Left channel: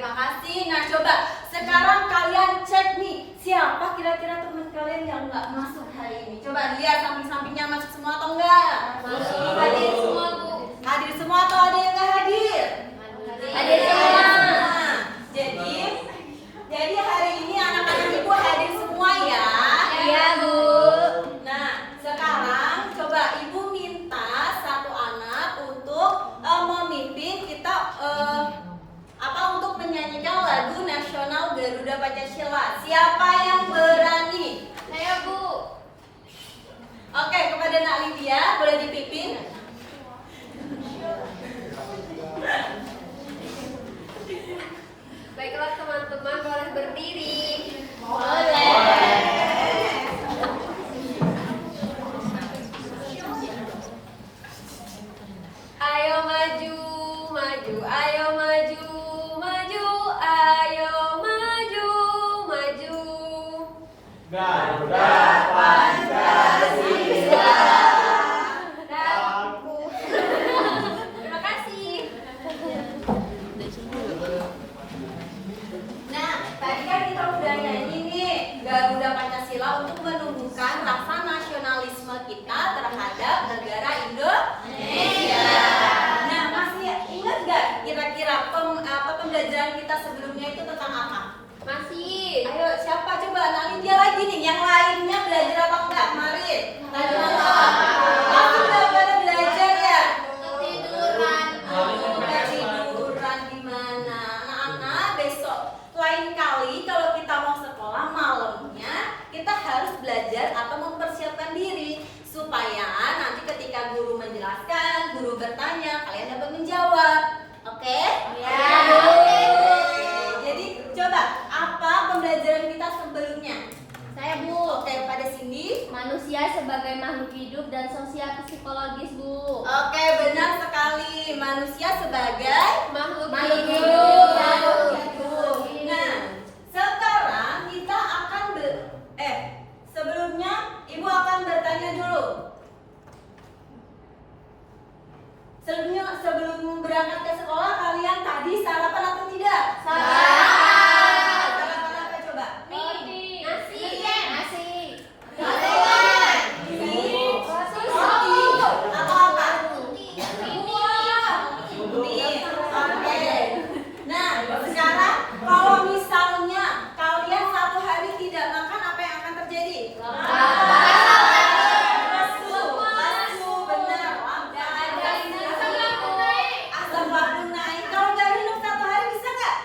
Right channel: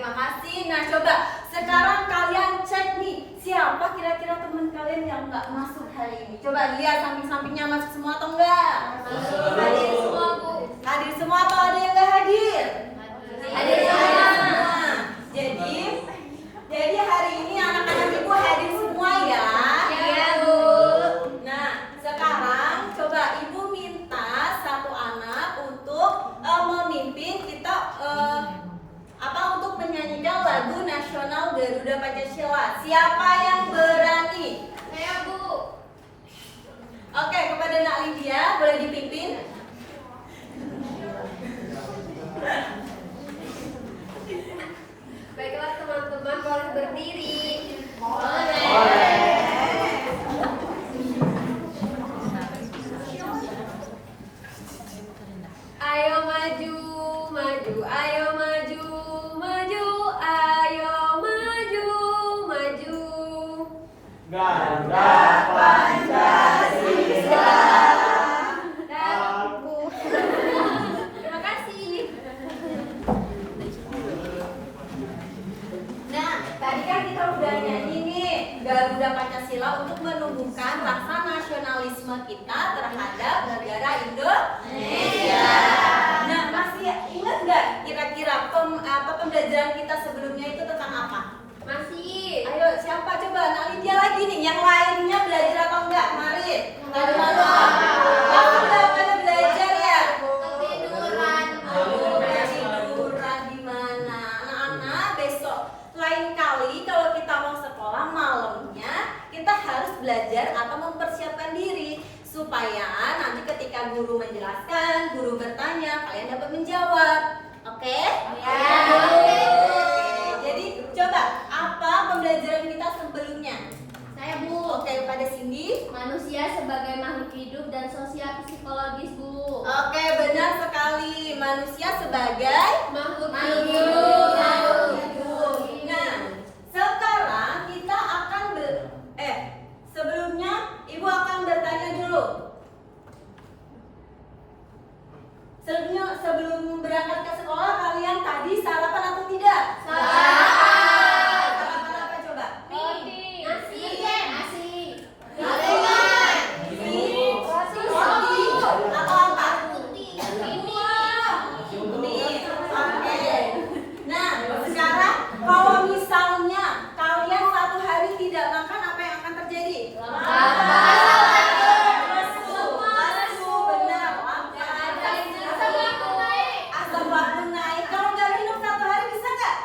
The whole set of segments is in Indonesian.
terima kasih. Nah, coba sekarang kalian cek nih, siapa kira-kira teman kalian yang nggak masuk hari ini? Coba lihat samping-sampingnya masuk semua atau enggak? Masuk. Hadir semua, Bu. Hadir semua atau ada yang nggak hadir? Hadir semua. Jadi hari ini anak-anak ibu hadir semua ya? Iya, Bu. Nah, sekarang coba ibu minta satu anak untuk memimpin kita untuk menyanyikan lagu nasional Garuda Pancasila. Siapa yang berani? Saya, Bu. Oke, kepada Nak Lydia boleh dipimpin. Baiklah teman-teman, boleh berdiri. Boleh. Ayo maju, maju, ayo maju, maju, ayo maju, maju. Garuda Pancasila. Terima kasih. Nah, tadi kan kita udah nyanyi nih Garuda Pancasila untuk menumbuhkan rasa nasionalisme kita terhadap negara Indonesia. Nah, masih ingat nggak kira-kira pembelajaran kita sebelumnya itu tentang apa? Masih. Ayo, siapa coba? Nak Lydia lagi nih. Yang lainnya belajar apa enggak kemarin? Tadi malam. Kamu udah pada belajar ya? Ketiduran. Ketiduran di mana? Anak-anak, besok lain kali kalau kita mau sekolah malamnya, kita harus belajar atau mempersiapkan diri supaya nanti ketika guru menjelaskan, guru bertanya, kalian dapat menjawab. Oke? Ya. Oke. Jadi coba apa pembelajaran kita sebelumnya? Saya, Bu. Oke, pada Cindy. Manusia sebagai makhluk hidup dan sosial psikologis, Bu. Oke, benar sekali. Manusia sebagai Makhluk makhluk hidup. hidup. Nah, sekarang kita akan sebelumnya Ibu akan bertanya dulu. Sebelum berangkat ke sekolah, kalian tadi sarapan atau tidak? Sarapan. Sarapan apa coba? Mie. Nasi. Nasi, roti, atau apa? Mie. Oke. Nah, sekarang kalau misalnya kalian satu hari tidak makan, apa yang akan terjadi? Lesu, benar. Asam lambung naik. Kalau nggak minum satu hari bisa nggak?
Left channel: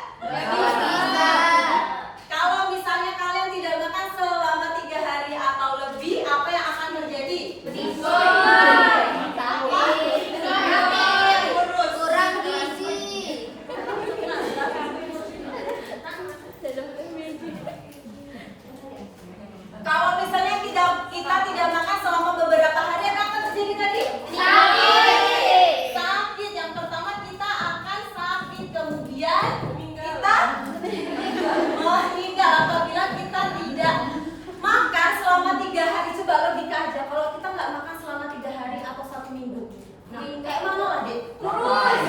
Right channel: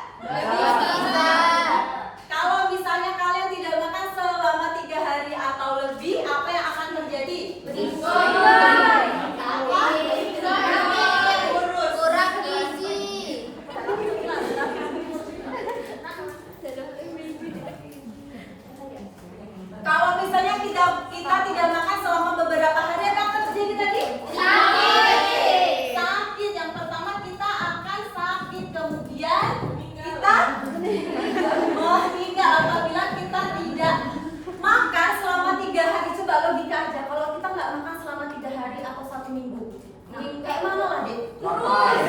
Kalau misalnya kalian tidak makan selama 3 hari atau lebih, apa yang akan terjadi? Kurus. Kalau misalnya kita tidak makan selama beberapa hari, apa akan terjadi tadi? Sakit. Yang pertama kita akan sakit, kemudian kita meninggal apabila kita tidak makan selama 3 hari. Coba logika aja, kalau kita nggak makan selama 3 hari atau 1 minggu, kayak mana lah deh? Kurus.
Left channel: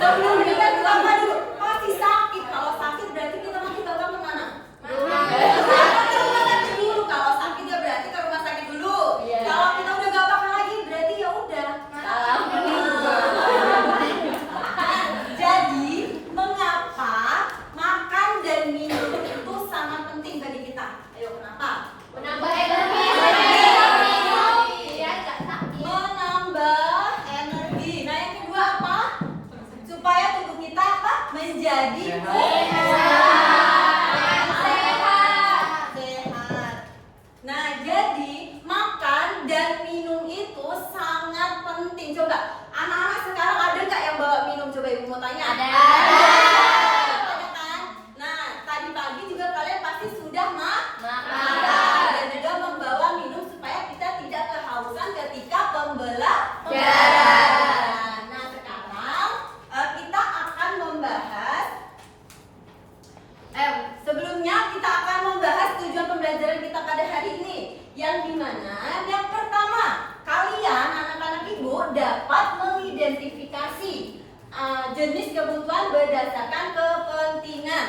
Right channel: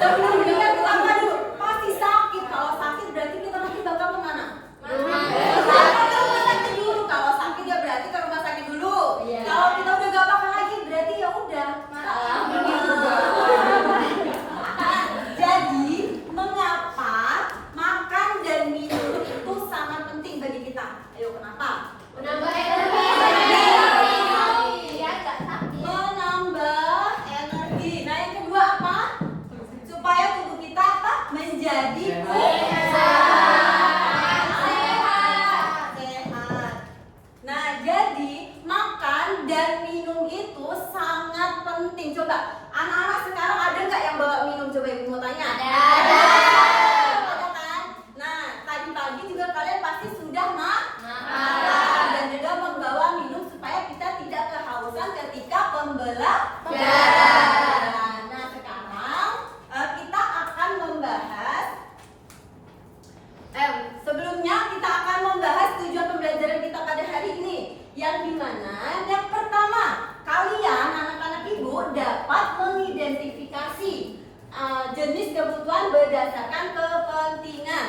Sebelum meninggal kita apa dulu? Pasti sakit. Kalau sakit berarti kita nanti bakal kemana? Ke rumah sakit dulu. Kalau sakit ya berarti ke rumah sakit dulu. Kalau kita udah gak makan lagi berarti ya udah. Jadi mengapa makan dan minum itu sangat penting bagi kita? Ayo, kenapa? Menambah energi. Biar nggak sakit. Menambah energi. Nah, yang kedua apa? Supaya tubuh kita apa? Menjadi sehat. Nah, jadi makan dan minum itu sangat penting. Coba, anak-anak sekarang ada nggak yang bawa minum? Coba ibu mau tanya. Ada kan? Nah, tadi pagi juga kalian pasti sudah makan dan juga membawa minum supaya kita tidak kehausan ketika pembelajaran. Nah, sekarang kita akan membahas jenis kebutuhan berdasarkan kepentingan.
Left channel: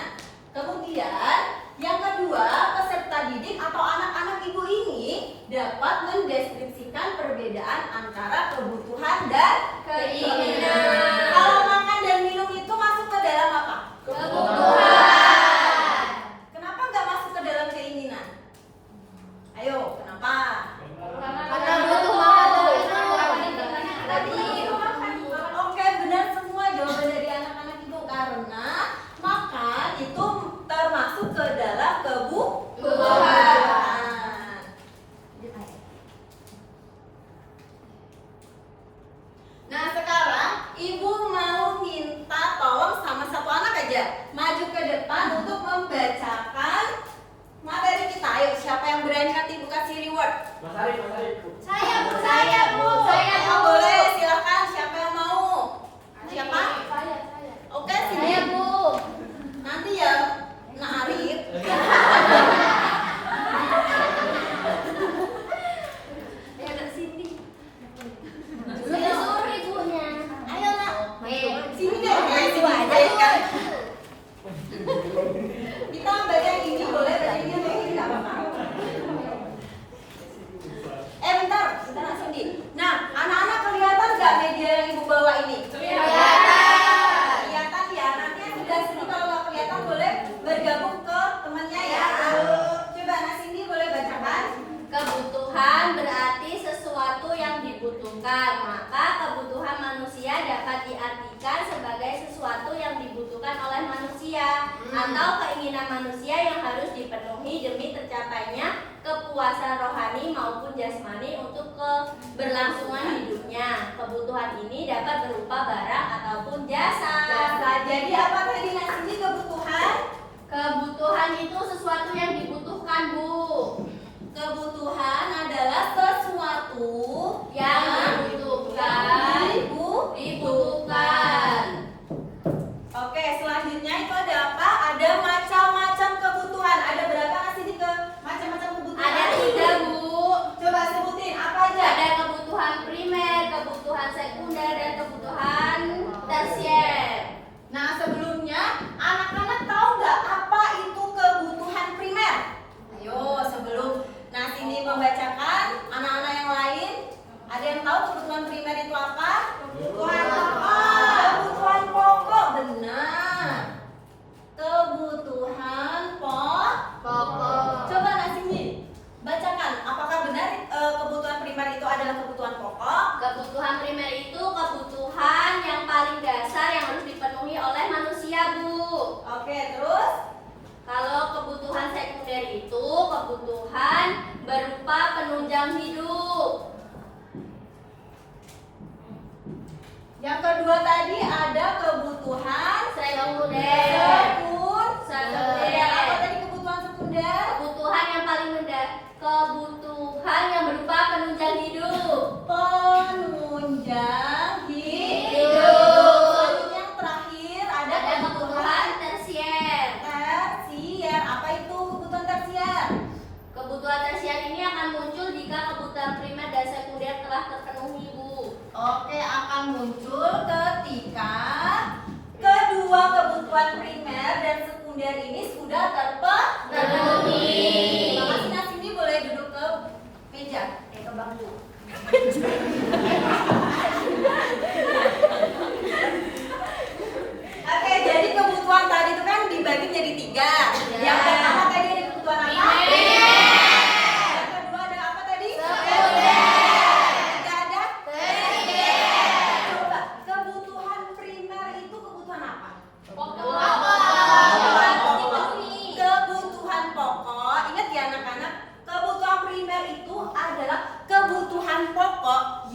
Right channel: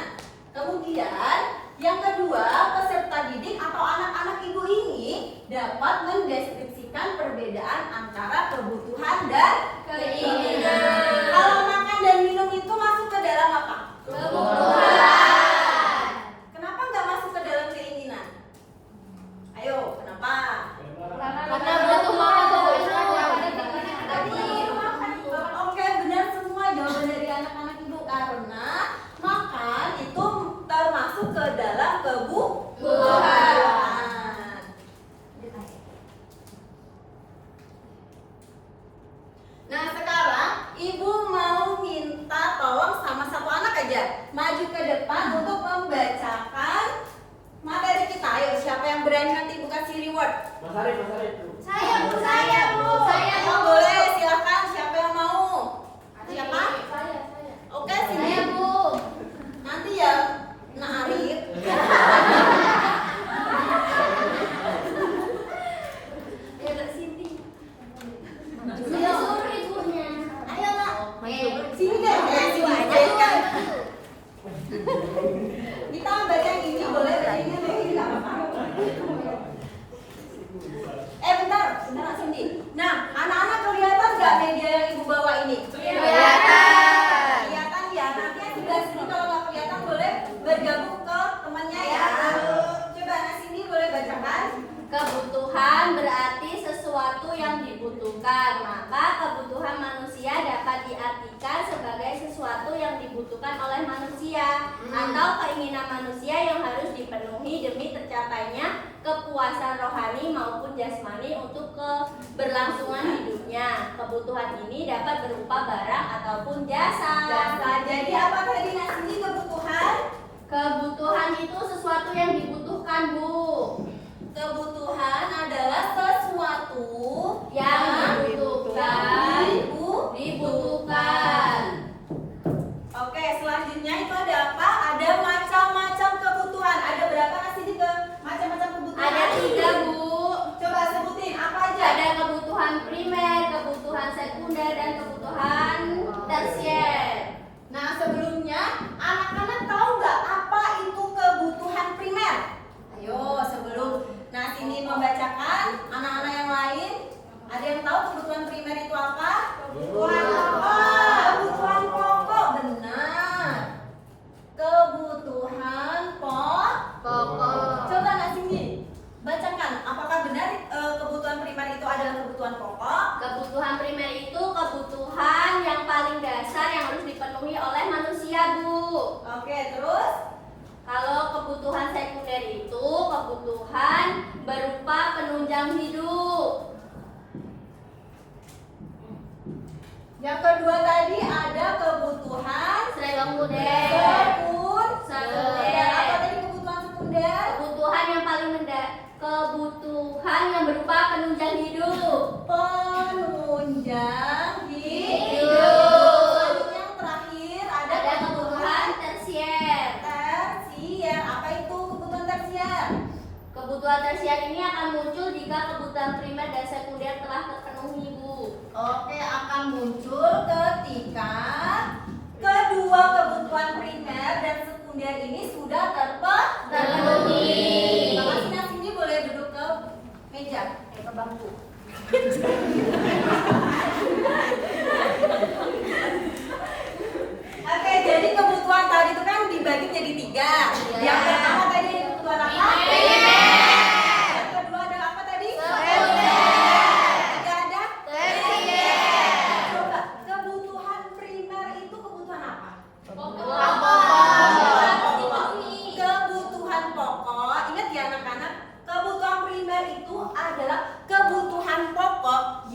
Kemudian yang kedua, peserta didik atau anak-anak ibu ini dapat mendeskripsikan perbedaan antara kebutuhan dan keinginan. Kalau makan dan minum itu masuk ke dalam apa? Kebutuhan. Kenapa nggak masuk ke dalam keinginan? Ayo, kenapa? Oke, benar semua jawaban dari anak-anak ibu, karena makan itu termasuk ke dalam kebutuhan. Nah, sekarang ibu mau minta tolong sama satu anak aja maju ke depan untuk membacakan materi kita. Ayo, siapa yang berani nanti ibu kasih reward? Saya Bu. Oh, boleh, silakan. Siapa yang mau? Siapa? Oke, sini. Saya Bu. Nanti ya, Nak Arif. Ayo Kak Siti. Ayo. Suruh ibunya. Ayo, Nak. Oke. Sini deh, sini aja kan. Kita baca yang ini, boleh baca yang ini, nggak apa-apa. Bentar, Nak Cindy. Nah, anak-anak kelihatan nggak media yang ibu bawa ini? Kelihatan ya. Nanti yang sebelah sini kalau nggak kelihatan boleh bergabung ke temannya ya. Coba Nak Cindy boleh bacakan. Kebutuhan berarti sesuatu yang dibutuhkan. Maka kebutuhan manusia dapat diartikan sebagai sesuatu yang dibutuhkan oleh manusia atau keinginan manusia yang harus dipenuhi demi tercapainya kepuasan rohani maupun jasmani untuk keberlangsungan hidupnya. Kebutuhan ini dapat berupa barang ataupun jasa. Jadi apa tadi Nak Cindy kebutuhan? Kebutuhan itu sesuatu yang dibutuhkan, Bu. Kebutuhan adalah sesuatu Yang dibutuhkan. Oke, selanjutnya itu ada apa? Ada macam-macam kebutuhan. Ada berapa Nak Cindy ke macam-macam kebutuhan? Ada 3, Bu. Coba sebutin apa aja? Ada kebutuhan primer, kebutuhan sekunder, dan kebutuhan tersier. Nah, sebelumnya anak-anak tahu nggak apa itu kebutuhan primer? Ayo, sebelum Nah Cindy membacakan, anak-anak yang lain ada yang tahu kebutuhan primer itu apa? Kebutuhan pokok. Kebutuhan pokok, benar. Kebutuhan pokok. Coba Nak Cindy bacakan, apakah benar kebutuhan primer itu adalah kebutuhan pokok? Kebutuhan primer itu kebutuhan yang paling dasar yang harus dipenuhi oleh manusia, Bu. Oke, terus? Kalau kebutuhan sekunder itu kebutuhan berupa penunjang hidup. Yang kedua tadi ada kebutuhan Sekunder. sekunder. Apa tadi kebutuhan sekunder? Kebutuhan yang paling kebutuhan yang berupa penunjang hidup. Penunjang hidup. Selanjutnya yang terakhir ada Kebutuhan tersier. tersier. Apa itu kebutuhan tersier? Kebutuhan tersier ini akan muncul jika kebutuhan primer dan sekunder telah terpenuhi, Bu. Oke, akan muncul ketika kedua kebutuhan primer dan sekunder ini sudah Terpenuhi. Terima kasih. Nah, Cindy boleh duduk ke meja, ke bangku. Oke, jadi kebutuhan tadi itu kan dibagi jadi 3. Yang pertama tadi ada kebutuhan apa? Yang kedua ada apa tadi? Ketiga ada? Coba, kebutuhan primer itu kebutuhan apa? Kebutuhan pokok. Ingat ya anak-anak, kebutuhan primer itu adalah kebutuhan pokok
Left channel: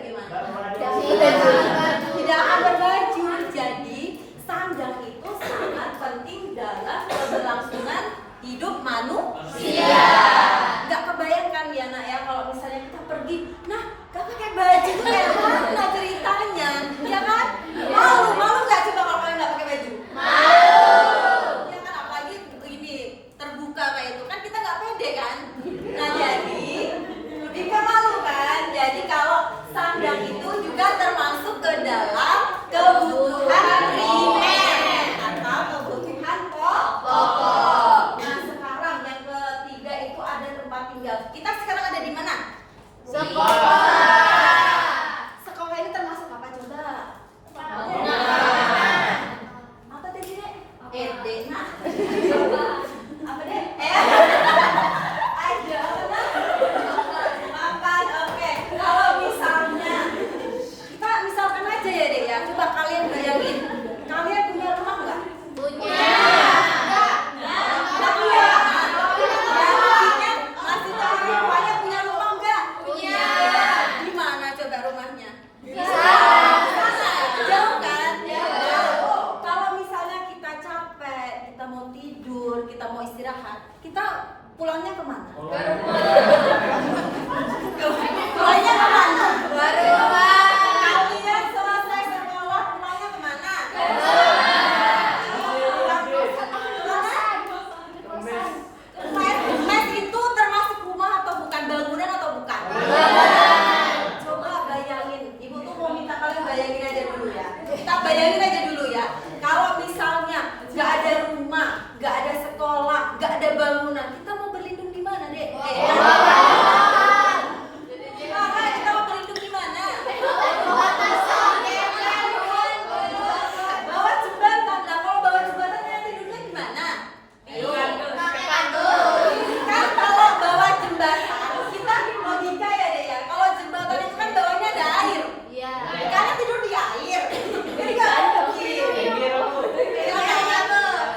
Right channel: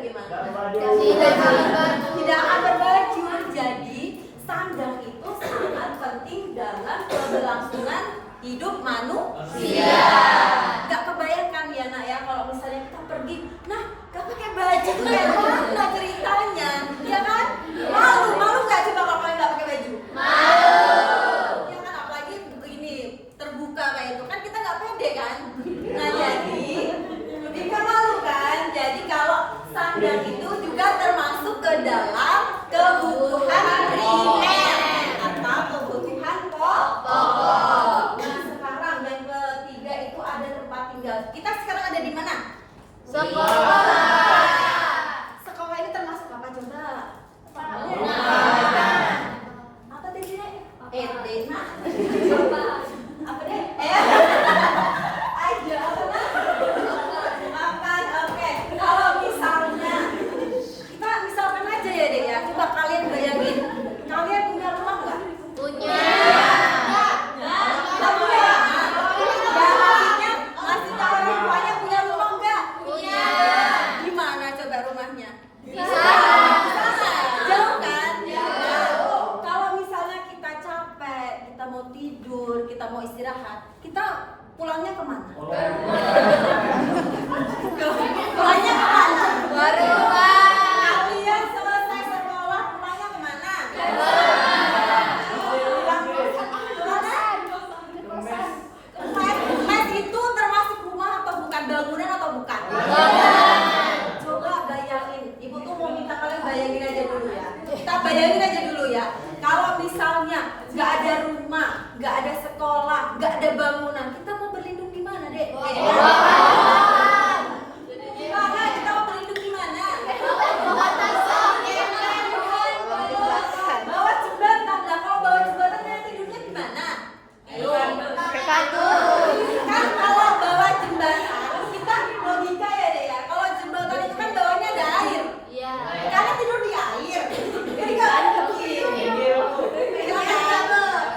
bagaimana? Tidak. Tidak akan berbaju. Jadi sandang itu sangat penting dalam keberlangsungan hidup manusia. Gak kebayangkan ya nak ya kalau misalnya kita pergi, nah gak pakai baju tuh kayak mana ceritanya, ya kan? Malu gak coba kalau kalian gak pakai baju? Ya kan, apalagi begini terbuka kayak itu kan kita gak pede kan? Nah jadi lebih ke malu kan? Jadi kalau sandang itu juga termasuk ke dalam kebutuhan primer atau kebutuhan pokok. Nah sekarang yang ketiga itu ada tempat tinggal. Kita sekarang ada di mana? Sekolah ini termasuk apa coba? Apa tadi deh? SD. Apa deh? Aja apa? Makan. Oke. Kalau misalnya kita misalkan aja ya deh ya. Coba kalian bayangin. Kalian punya rumah nggak? Masih tahu rumahnya punya rumah nggak? Di mana coba rumahnya? Jauh kan? Kalau misalnya kita capek, kita mau tidur, kita mau istirahat, kita pulangnya kemana? Pulangnya kemana? Kalian selesai sekolah pulangnya kemana? Mes itu termasuk rumah atau bukan? Bangunan atau bukan? Coba bayangin, ibu tuh mau minta kalian bayangin aja dulu ya. Kita bayangin aja dulu ya. Kalau misalnya nggak ada rumah, nggak ada sekolah, nggak ada bangunan, kita mau berlindung di mana deh? Gimana? Kita mau berlindung di mana? Bawah jembatan. Lah kalau bawah jembatan kalian tidurnya di mana? Ayo. Kan kalau bawah jembatan, kita logika ya deh ya. Kalau jembatan itu kan bawahnya ada air. Kalian tidur di air. Jadi nggak mungkin.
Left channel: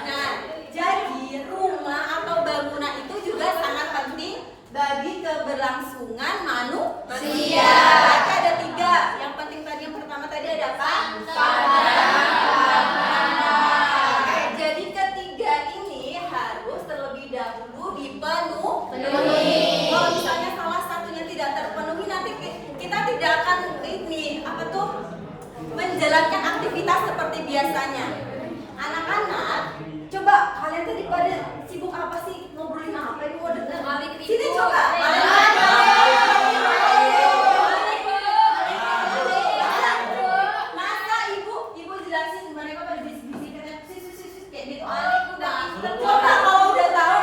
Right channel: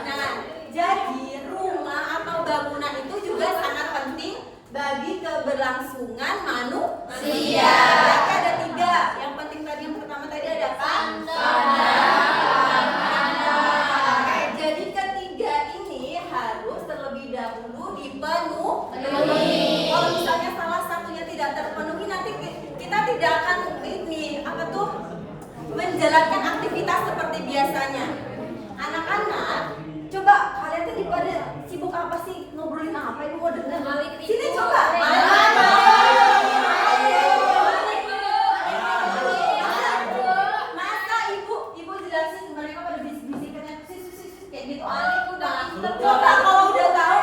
Nah, jadi rumah atau bangunan itu juga sangat penting bagi keberlangsungan manusia. Berarti ada 3. Yang penting tadi yang pertama tadi ada apa? Oke, jadi ketiga ini harus terlebih dahulu dipenuhi. Kalau misalnya salah satunya tidak terpenuhi, nanti kita tidak akan menjalankan aktivitas seperti biasanya. Anak-anak, coba kalian tadi pada sibuk apa sih? Ngobrolin apa? Ibu mau dengar. Sini coba. Masa ibu jelasin mereka pada bisik-bisik kayak gitu. Coba kalau udah tahu,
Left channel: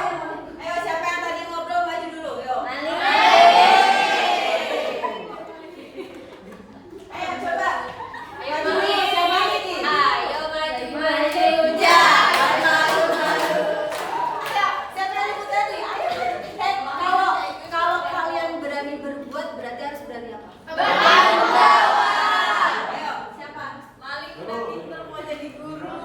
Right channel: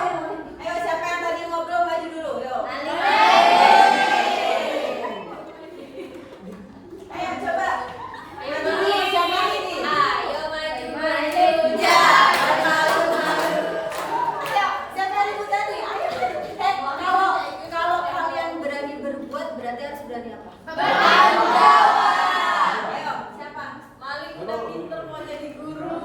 ayo siapa yang tadi ngobrol maju dulu, yuk. Ayo coba. Kalau kalian berani berbuat, berarti harus berani apa? Ayo, siapa? Malik udah pinter mau jadi guru.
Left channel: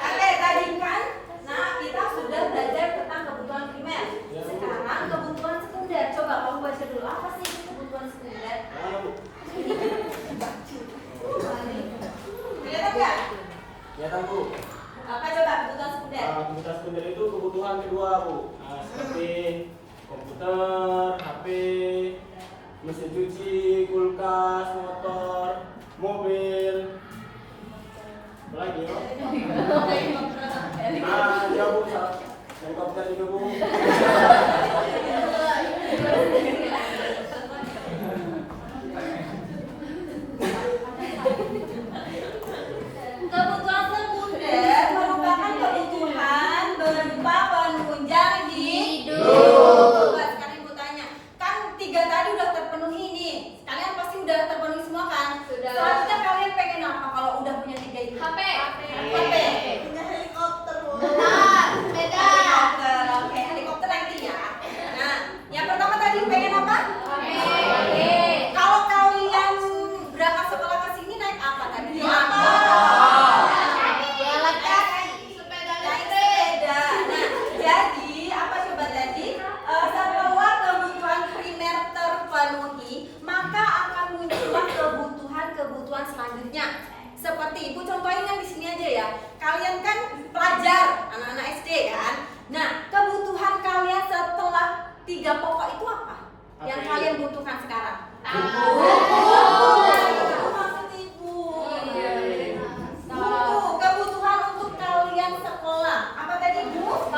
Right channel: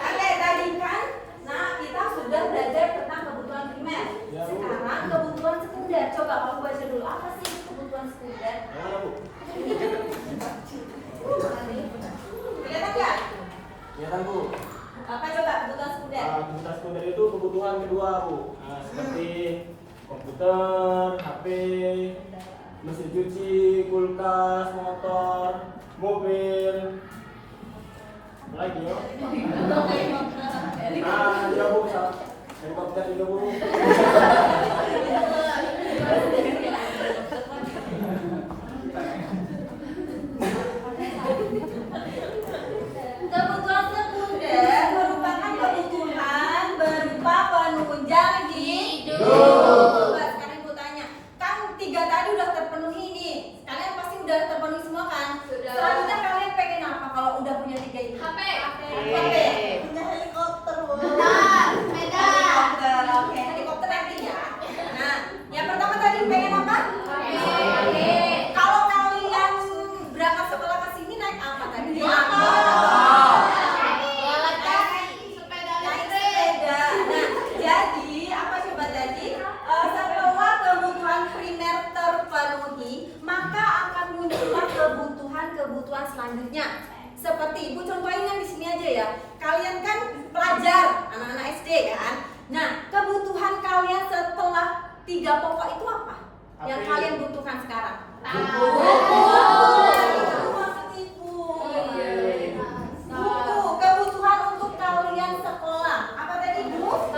Oke, tadi kan, nah kita sudah belajar tentang kebutuhan primer. Sekarang kebutuhan sekunder. Coba kamu baca dulu, apa sih kebutuhan sekunder? Kelihatan nggak? Kelihatan Bu. Apa coba kebutuhan sekunder? Kebutuhan sekunder itu kebutuhan kedua Bu. Seperti komputer, HP, mesin cuci, kulkas, motor, mobil. Apa lagi yo? Ya Bu, helikopter juga Bu. Kebutuhan sekunder merupakan kebutuhan berupa penunjang hidup. Coba sekarang ibu tanya, kan 3 tadi udah terpenuhi nih. Kalian pasti udah terpenuhi semua kan? Sudah. Selanjutnya kalian pengen apa kalau udah punya 3 ini? HP. Punya helikopter. Sepeda. Helikopter, oke. Helikopter nanti ya. Nah, yang pertama tadi pengen apa? Kalau kalian berangkat sekolah ke sini naik apa tadi? Naik sepeda. Nah, jadi apa coba tadi? Setelah kebutuhan primer selanjutnya. Seperti Ibu contohin yang di sini aja ya. Kalian kan pelajar, anak-anak SD kan. Nah, kebutuhan kalian setelah 3 pokok itu apa? Yang kalian butuhkan sekarang? Buku. Maksud Ibu. Buku, kebutuhan untuk kalian sekolah. Apa tadi, Bu?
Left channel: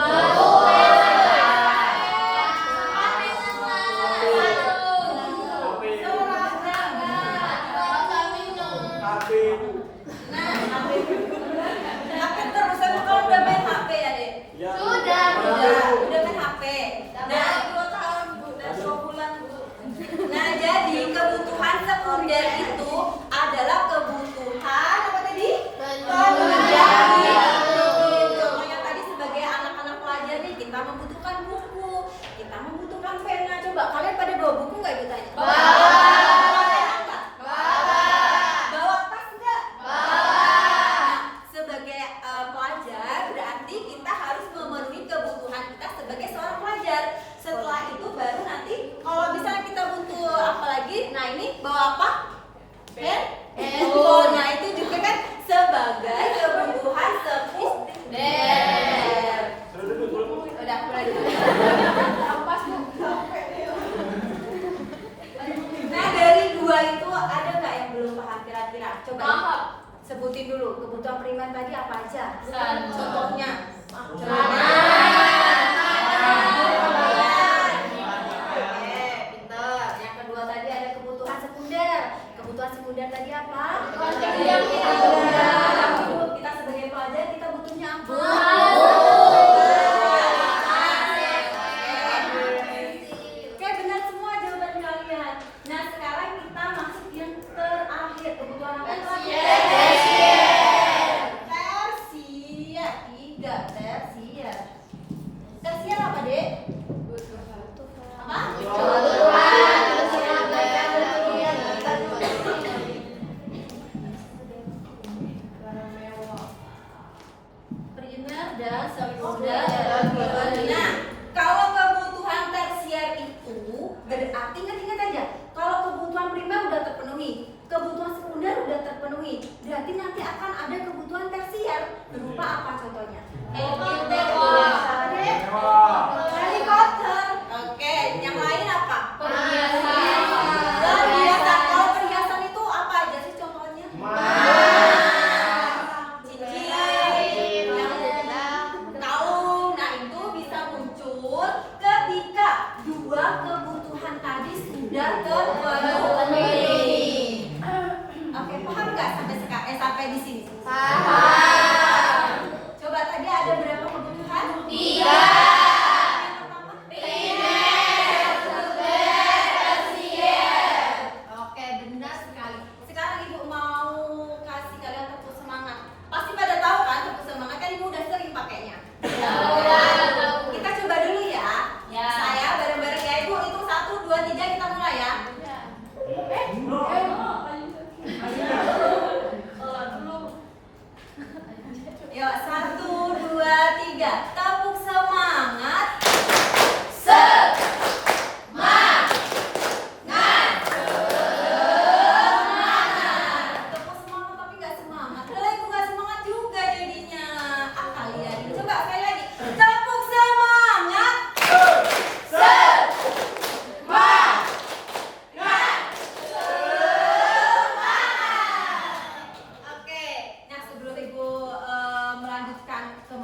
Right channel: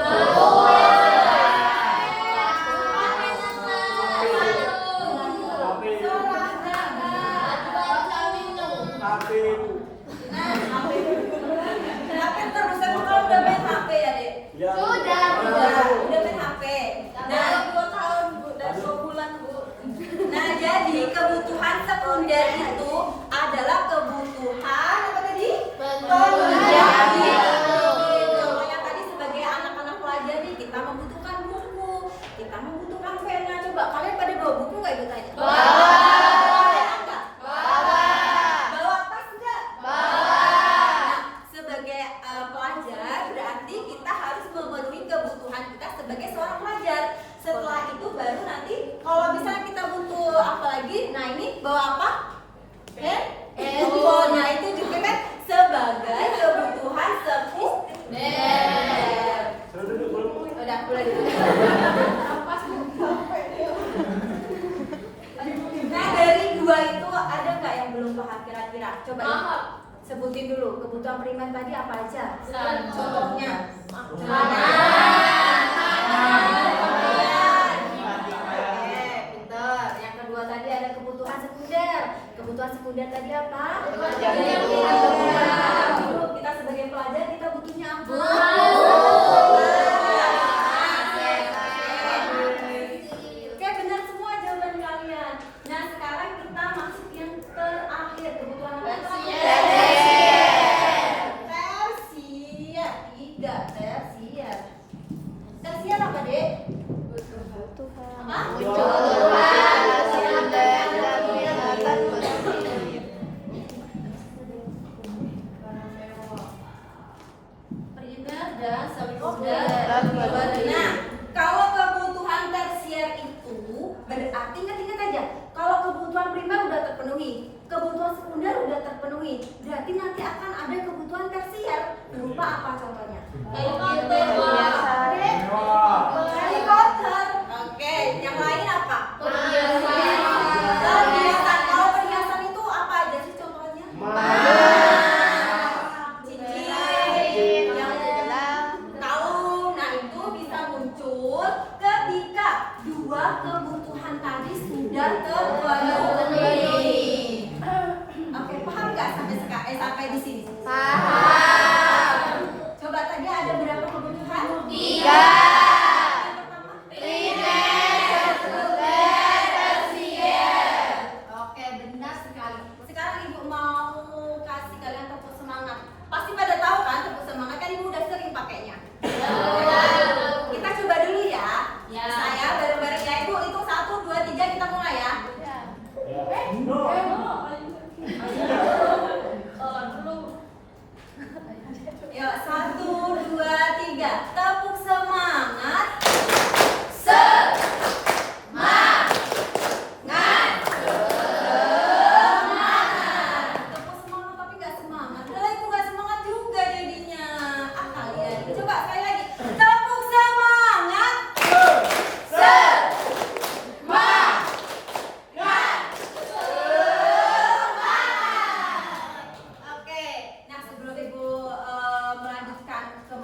HP terus emang kalau udah main HP ya, Dek? Ya. Udah main HP. Nah, 2 tahun, Bu, dan 2 bulan, Bu. Nah, jadi kebutuhan sekunder itu adalah kebutuhan apa tadi? Contohnya tadi sebagai anak-anak pelajar nih, kita membutuhkan buku, kita membutuhkan pena. Coba kalian pada bawa buku nggak Ibu tanya? Bawa pena nggak? Bawa tas nggak? Nah, sebagai pelajar berarti kita harus memenuhi kebutuhan kita sebagai seorang pelajar. Setelah itu baru nanti kalau misalnya kita butuh apa lagi, nah ini bawa apa? Handphone. Nah itu juga kan sebagai kebutuhan sekunder. Udah mulai dulu. Nah dari 2 itu ada nggak yang belum paham kira-kira? Coba sebutin dulu kebutuhan primer tadi apa aja? Contohnya celana. Pinter. Yang kedua tadi ada kebutuhan sekunder. Kebutuhan sekunder tadi apa? Kita sebagai pelajar kita butuhnya apa? Oke, benar semua jawaban kalian. Nah, sekarang kita masuk yang terakhir. Kebutuhan apa? Tersier. 3 tersier. Tersier apa, Dek? Apa? Primer dan sekunder. Nah, kalau kebutuhan tersier itu berarti ingat aja. Kalau kebutuhan primer udah terpenuhi, kebutuhan sekunder udah terpenuhi, berarti nanti akan ada kebutuhan tersier. Berupa apa contohnya? Helikopter. Apa, Dek? Helikopter. Oke, yang lain apa? Perhiasan. Kalau perhiasan itu apa aja sih contohnya? Cincin, kalung. Nah itu bisa muncul ketika 2 kebutuhan tadi sudah terpenuhi. Oke, paham nggak sampai di sini? Paham. Coba tadi ada berapa kebutuhan? 3. Oke, benar sekali. Sekarang Ibu mau kasih kalian tepuk semangat. Pasti pada tahu kan tepuk semangat, kan Ibu udah sering pakainya. Kita coba dulu ya. Saya bareng-bareng ya Ibu, itu 1, 2, 3 kita mulai ya. Yuk, 1, 2, 3. Tepuk semangat. Tepuk semangat tapi nggak semangat. Udah Ibu nggak semangat juga jadinya. Kalian coba sekali lagi. Tepuk semangat. Oke. Nah sebelum Ibu melanjutkan ke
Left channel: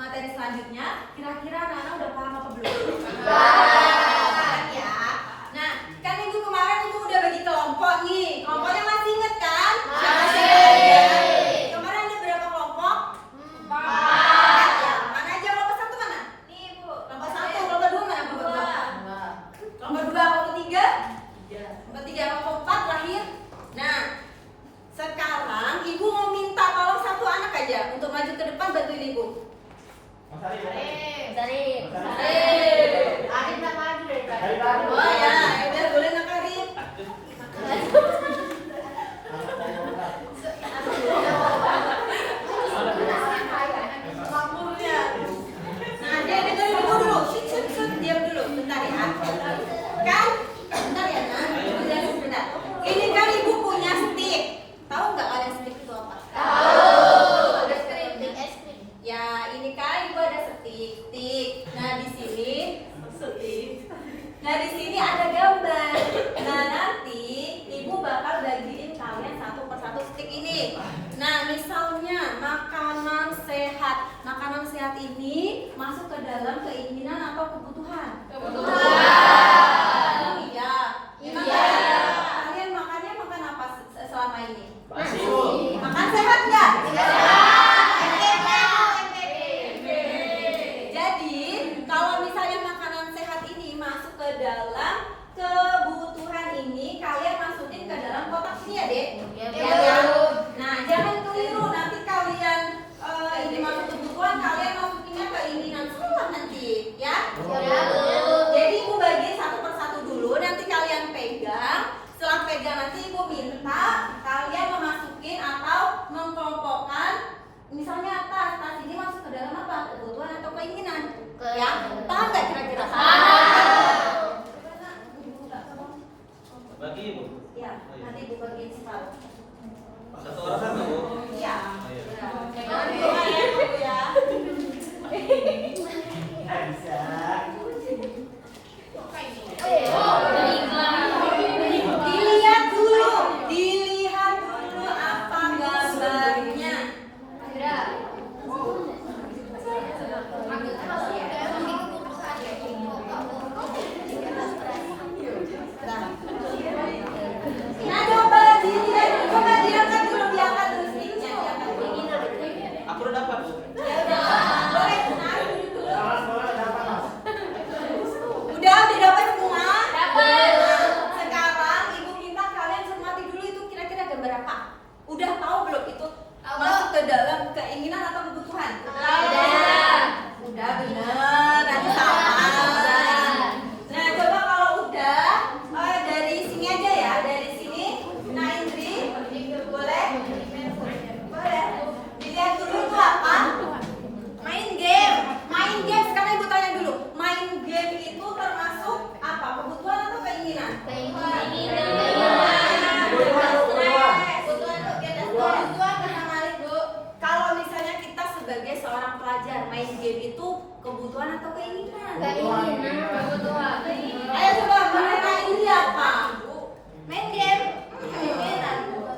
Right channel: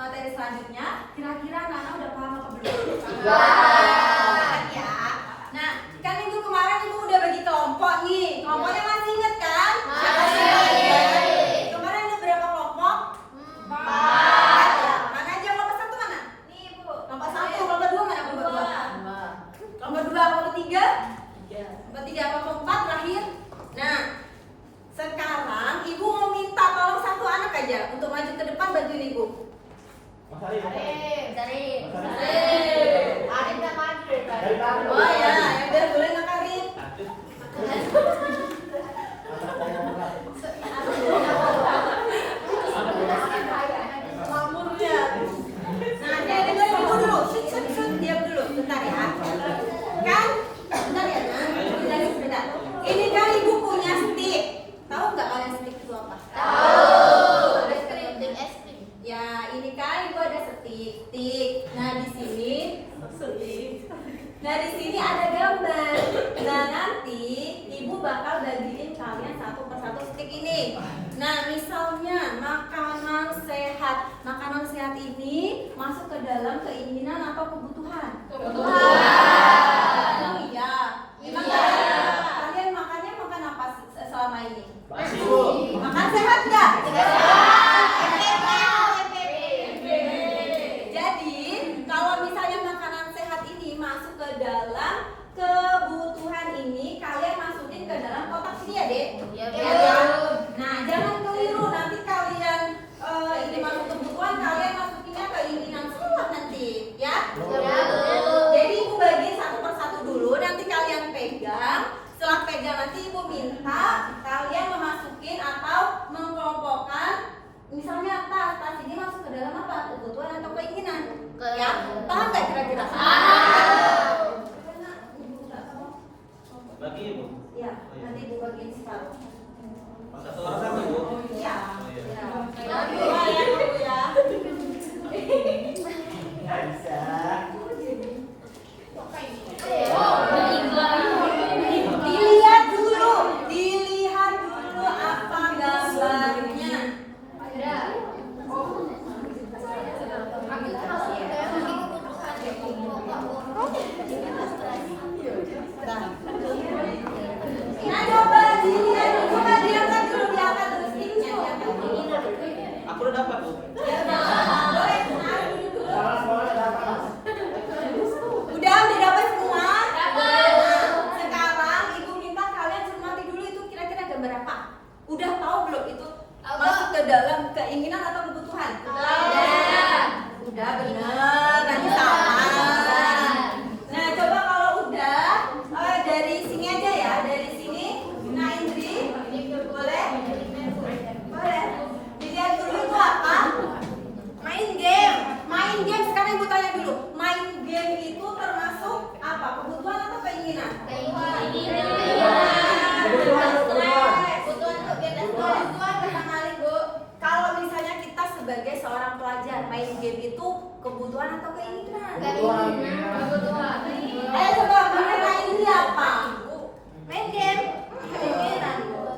materi selanjutnya, kira-kira anak-anak udah paham apa belum? Paham ya. Nah, kan minggu kemarin Ibu udah bagi kelompok nih. Kelompoknya masih inget kan? Kemarin ada berapa kelompok? 4. Ya, mana aja kelompok 1 mana? Nih Ibu. Kelompok 1, kelompok 2 mana kelompok 2? Kelompok 2, kelompok 3? Kelompok 3, kelompok 4 terakhir. Nah, sekarang Ibu mau minta tolong 1 anak aja untuk maju ke depan bantuin Ibu. Oh ya, udah boleh Nak Arif. Mamurnya. Nah, dia dengerin Ibu dulu. Shut, diam dulu. Bentar ya. Kan? Bentar ya, Nak. Sebentar. Ini kan Ibu punya stick. Nah di sini ada gambar. Nah nanti ibu bakal bagiin kalian satu persatu stick ini. Nah misalnya makanan sehat. Makanan sehat ini masuk ke dalam keinginan atau kebutuhan? Kebutuhan. Oh iya. Memang kalian makannya makan apa selama ini? Nasi, Bu. Makan sehat nggak? Jadi kalau misalnya makanan sehat ini masuk ke dalam kebutuhan ini, kalian masukin ke dalam kotak ini ya, Dek? Ya. Nah, jangan keliru nanti kalian ini masuk kebutuhan, kalian masukinnya keinginan semua nanti, ya? Jadi ibu bagi satu persatu dulu, nanti kalian pegang. Setelah pegang nanti ibu minta kalian memasukin atau mengkelompokkan. Misalnya tas ini masuk ke dalam apa? Kebutuhan atau keinginan? Ya, paham nggak kira-kira? Bagi Ibu. Ya, nanti ibu bagiin separuh. Satu orang kan Ibu? Iya. Oh, iya. Dilihat dulu apa gambarnya. Nah, coba dilihat dulu, coba diangkat dulu sticknya, diangkat dulu. Aku udah dapat Bu. Ya udah, boleh duduk dulu. Udah dapat semua? Dapat. Nah, sekarang ibu minta kalian cermati dulu itu kira-kira gambar apa? Udah tahu belum itu masuk ke dalam keinginan atau kebutuhan? Udah bener, nanti sama. Nah, coba kalau udah dari sini aja ya, dari sini. Nah, Indri, boleh? Boleh. Dilihat dulu itu apa? Main game. Main game. Sekarang ibu tanya dulu. Main game itu termasuk apa? Kebutuhan atau keinginan? Kebutuhan kata Malik, Bu. Kalau misalnya kita sebagai seorang pelajar, main game itu kebutuhan atau keinginan? Kebutuhan. Ayo coba makna ini apa? Main game.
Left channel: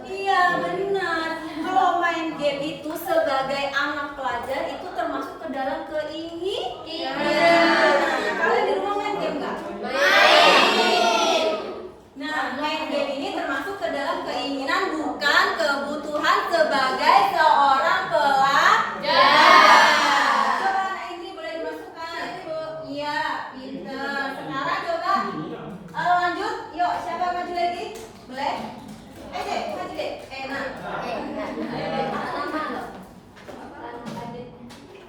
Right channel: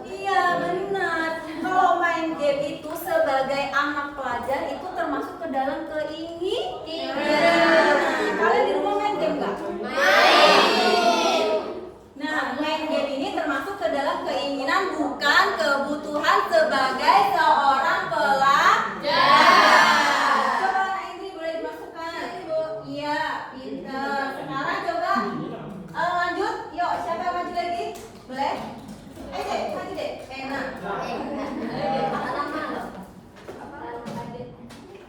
Iya benar. Kalau main game itu sebagai anak pelajar itu termasuk ke dalam keinginan. Nah, kalian di rumah main game nggak? Main. Nah, main game ini termasuk ke dalam keinginan bukan kebutuhan sebagai seorang pelajar. Coba anak ini boleh dimasukkan. Iya, pintar. Sekarang coba lanjut. Yuk, siapa yang maju lagi? Boleh? Ayo deh, maju deh. Enak.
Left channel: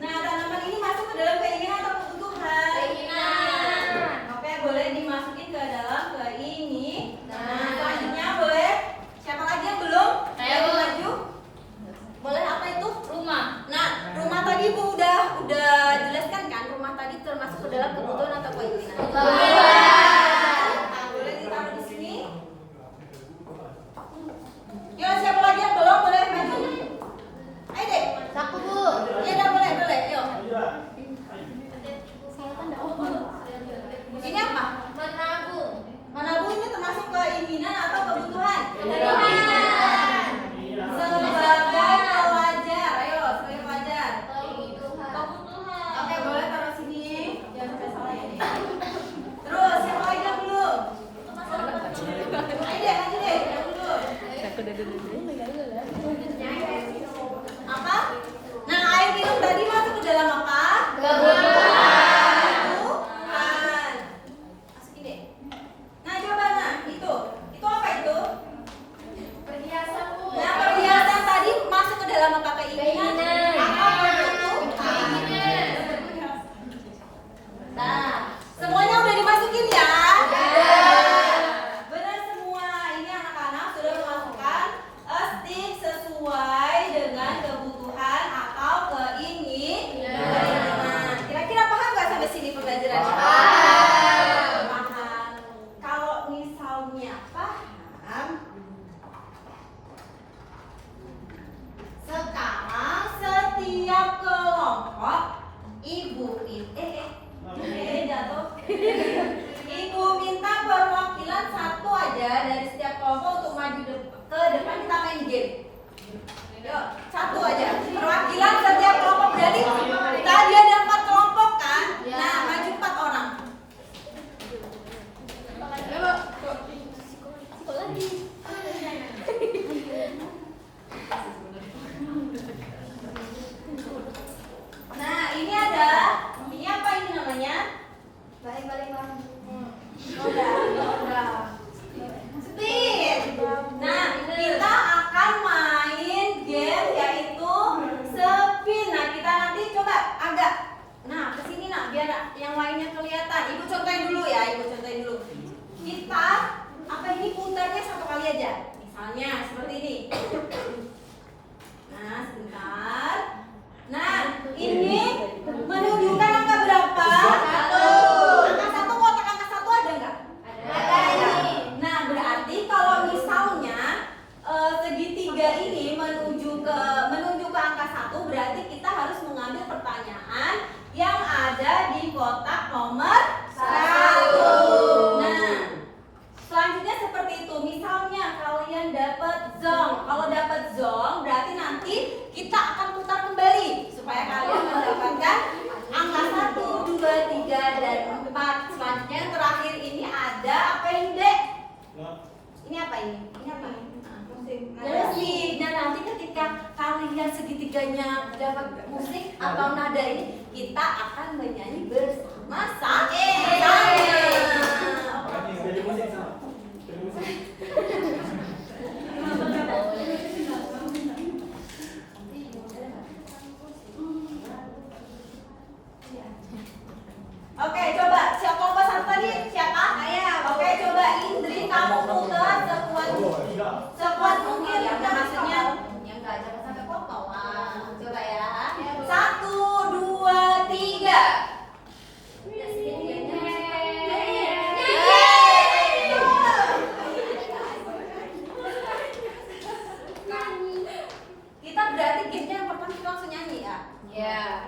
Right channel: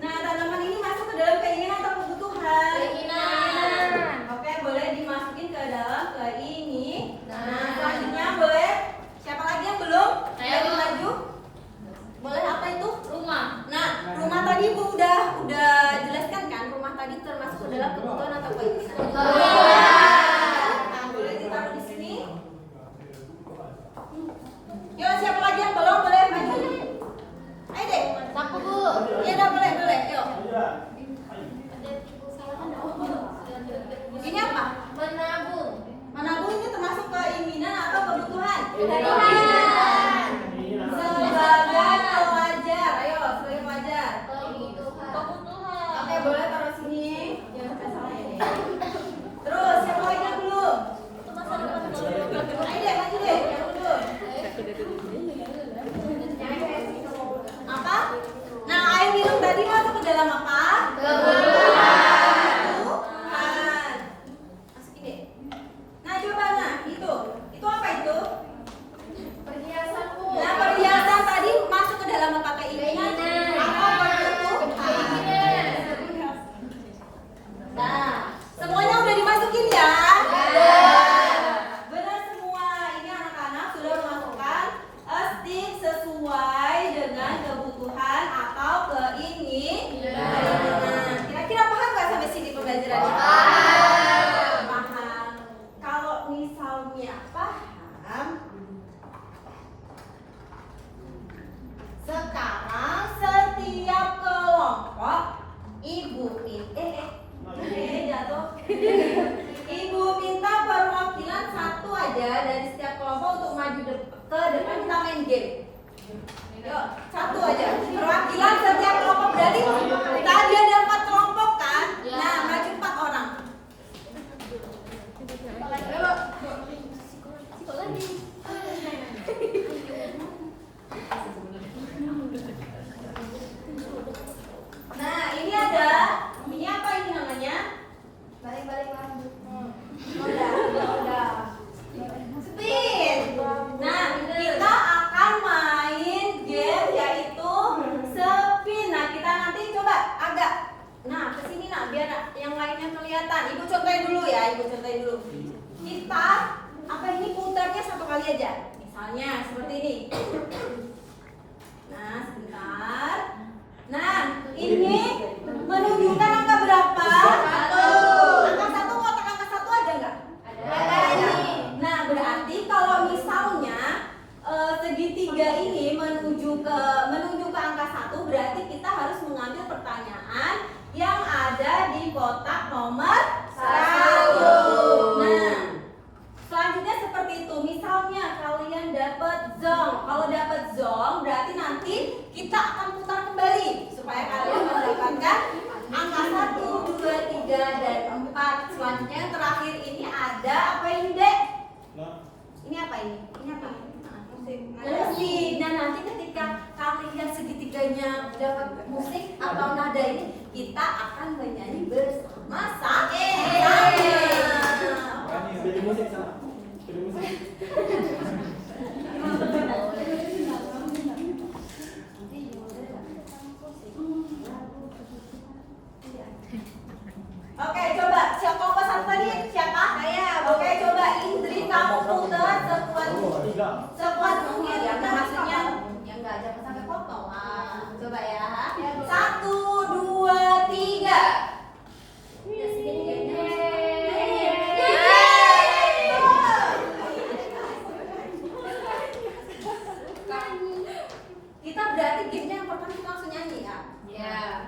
Nah, tanaman ini masuk ke dalam keinginan atau kebutuhan? Keinginan. Oke, boleh dimasukin ke dalam keinginan. Nah, selanjutnya boleh. Siapa lagi yang belum? Saya. Ayo maju. Boleh apa itu? Rumah. Nah, rumah tadi Bu udah jelaskan kan? Rumah tadi termasuk ke dalam kebutuhan atau keinginan? Nah, boleh ditaruh di sini. Yuk, siapa lagi yang belum? Boleh maju. Ayo deh. Aku Bu. Ya udah boleh. Yuk. Ini apa? Menabung. Menabung ini termasuk keinginan atau kebutuhan? Keinginan. Sebagai pelajar, ayo sebagai pelajar. Kebutuhan. Oke, boleh taruh sini. Jangan sampai salah ya. main game. Yuk, satu aja. Perwakilan setiap kelompok berarti tadi ada 4 kelompok kan? Nah, maju 4 orang. Nah, ini ada. Ini apa ini namanya? Balik-balik mana? Udah. Spin. Nah, kita akan main game yaitu spin. Nah, kita nanti coba agak kesini biar yang lainnya kelihatan. Ibu contohin dulu ya, Kita ini putarnya 1 kali aja. Misalnya seperti ini. Nah, sebentar. Nah, ini menunjukkan angka berapa? 1. Angka 1, kotak angka 1 ada nggak? Ada ini. Nah, berarti kalau misalnya segitiga ini menuju ke angka 1, berarti kita harus mengambil pertanyaan yang ada di kotak nomor 1. Nah, selanjutnya seperti itu. Misalnya kalian dapat zong. Kalau dapat zong berarti nanti kita akan putar kembali supaya kalian mendapatkan angka 1, 2, 3, dan 4. Selanjutnya yang terakhir ini ada apa ini, Dek? Ini apa ini? Musik. Nah, nanti ketika kalian segitiganya dapat musik atau nada ini, kita akan bernyanyi bersama-sama. Pilih musik sama. Pilih musik. Oke, coba siapa kelompok 1 tadi? Siapa? Saya. Oke, coba Indri kamu putar sekuat mungkin. Ya, maksudnya yang enggak jangan sampai potong. Coba ya. 1, 2, 3. Kita berarti gamenya yang pertama kita langsung nyanyi ya. Ya.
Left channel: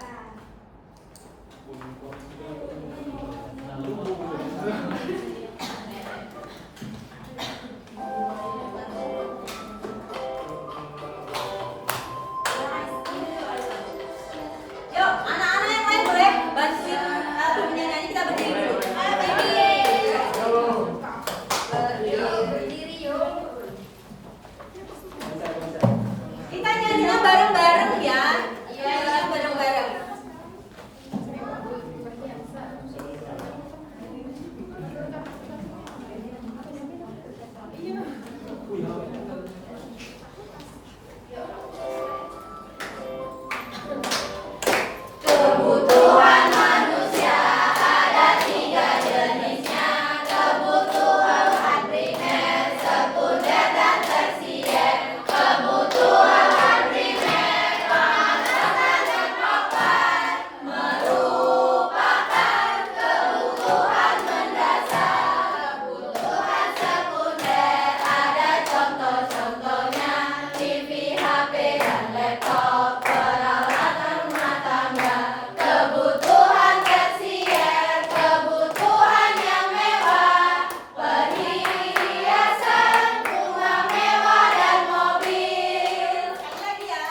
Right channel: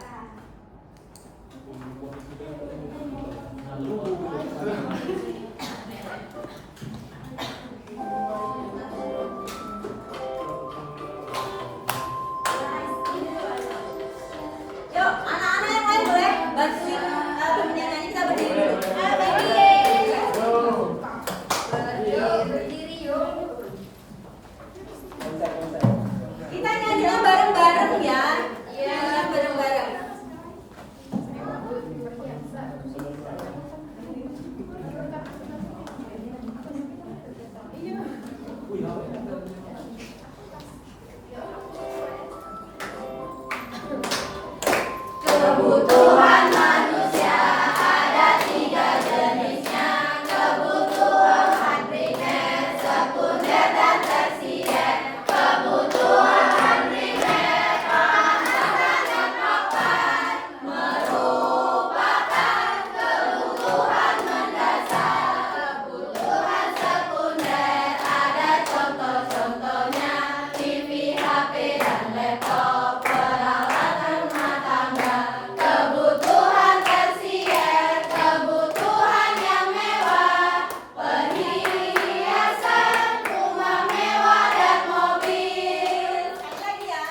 Yuk, anak-anak yang lain boleh bantuin nyanyi, kita berdiri dulu. Berdiri yuk. Kita nyanyinya bareng-bareng ya. Iya, bareng-bareng. Kebutuhan manusia ada 3 jenisnya. Kebutuhan primer, sekunder, dan tersier. Kebutuhan primer, makanan dan papan, merupakan kebutuhan mendasar. Kebutuhan sekunder ada contoh-contohnya: TV, HP, dan laptop, peralatan rumah tangga. Kebutuhan tersier, kebutuhan yang mewah, perhiasan, rumah mewah, dan mobil. Sekali lagi ya.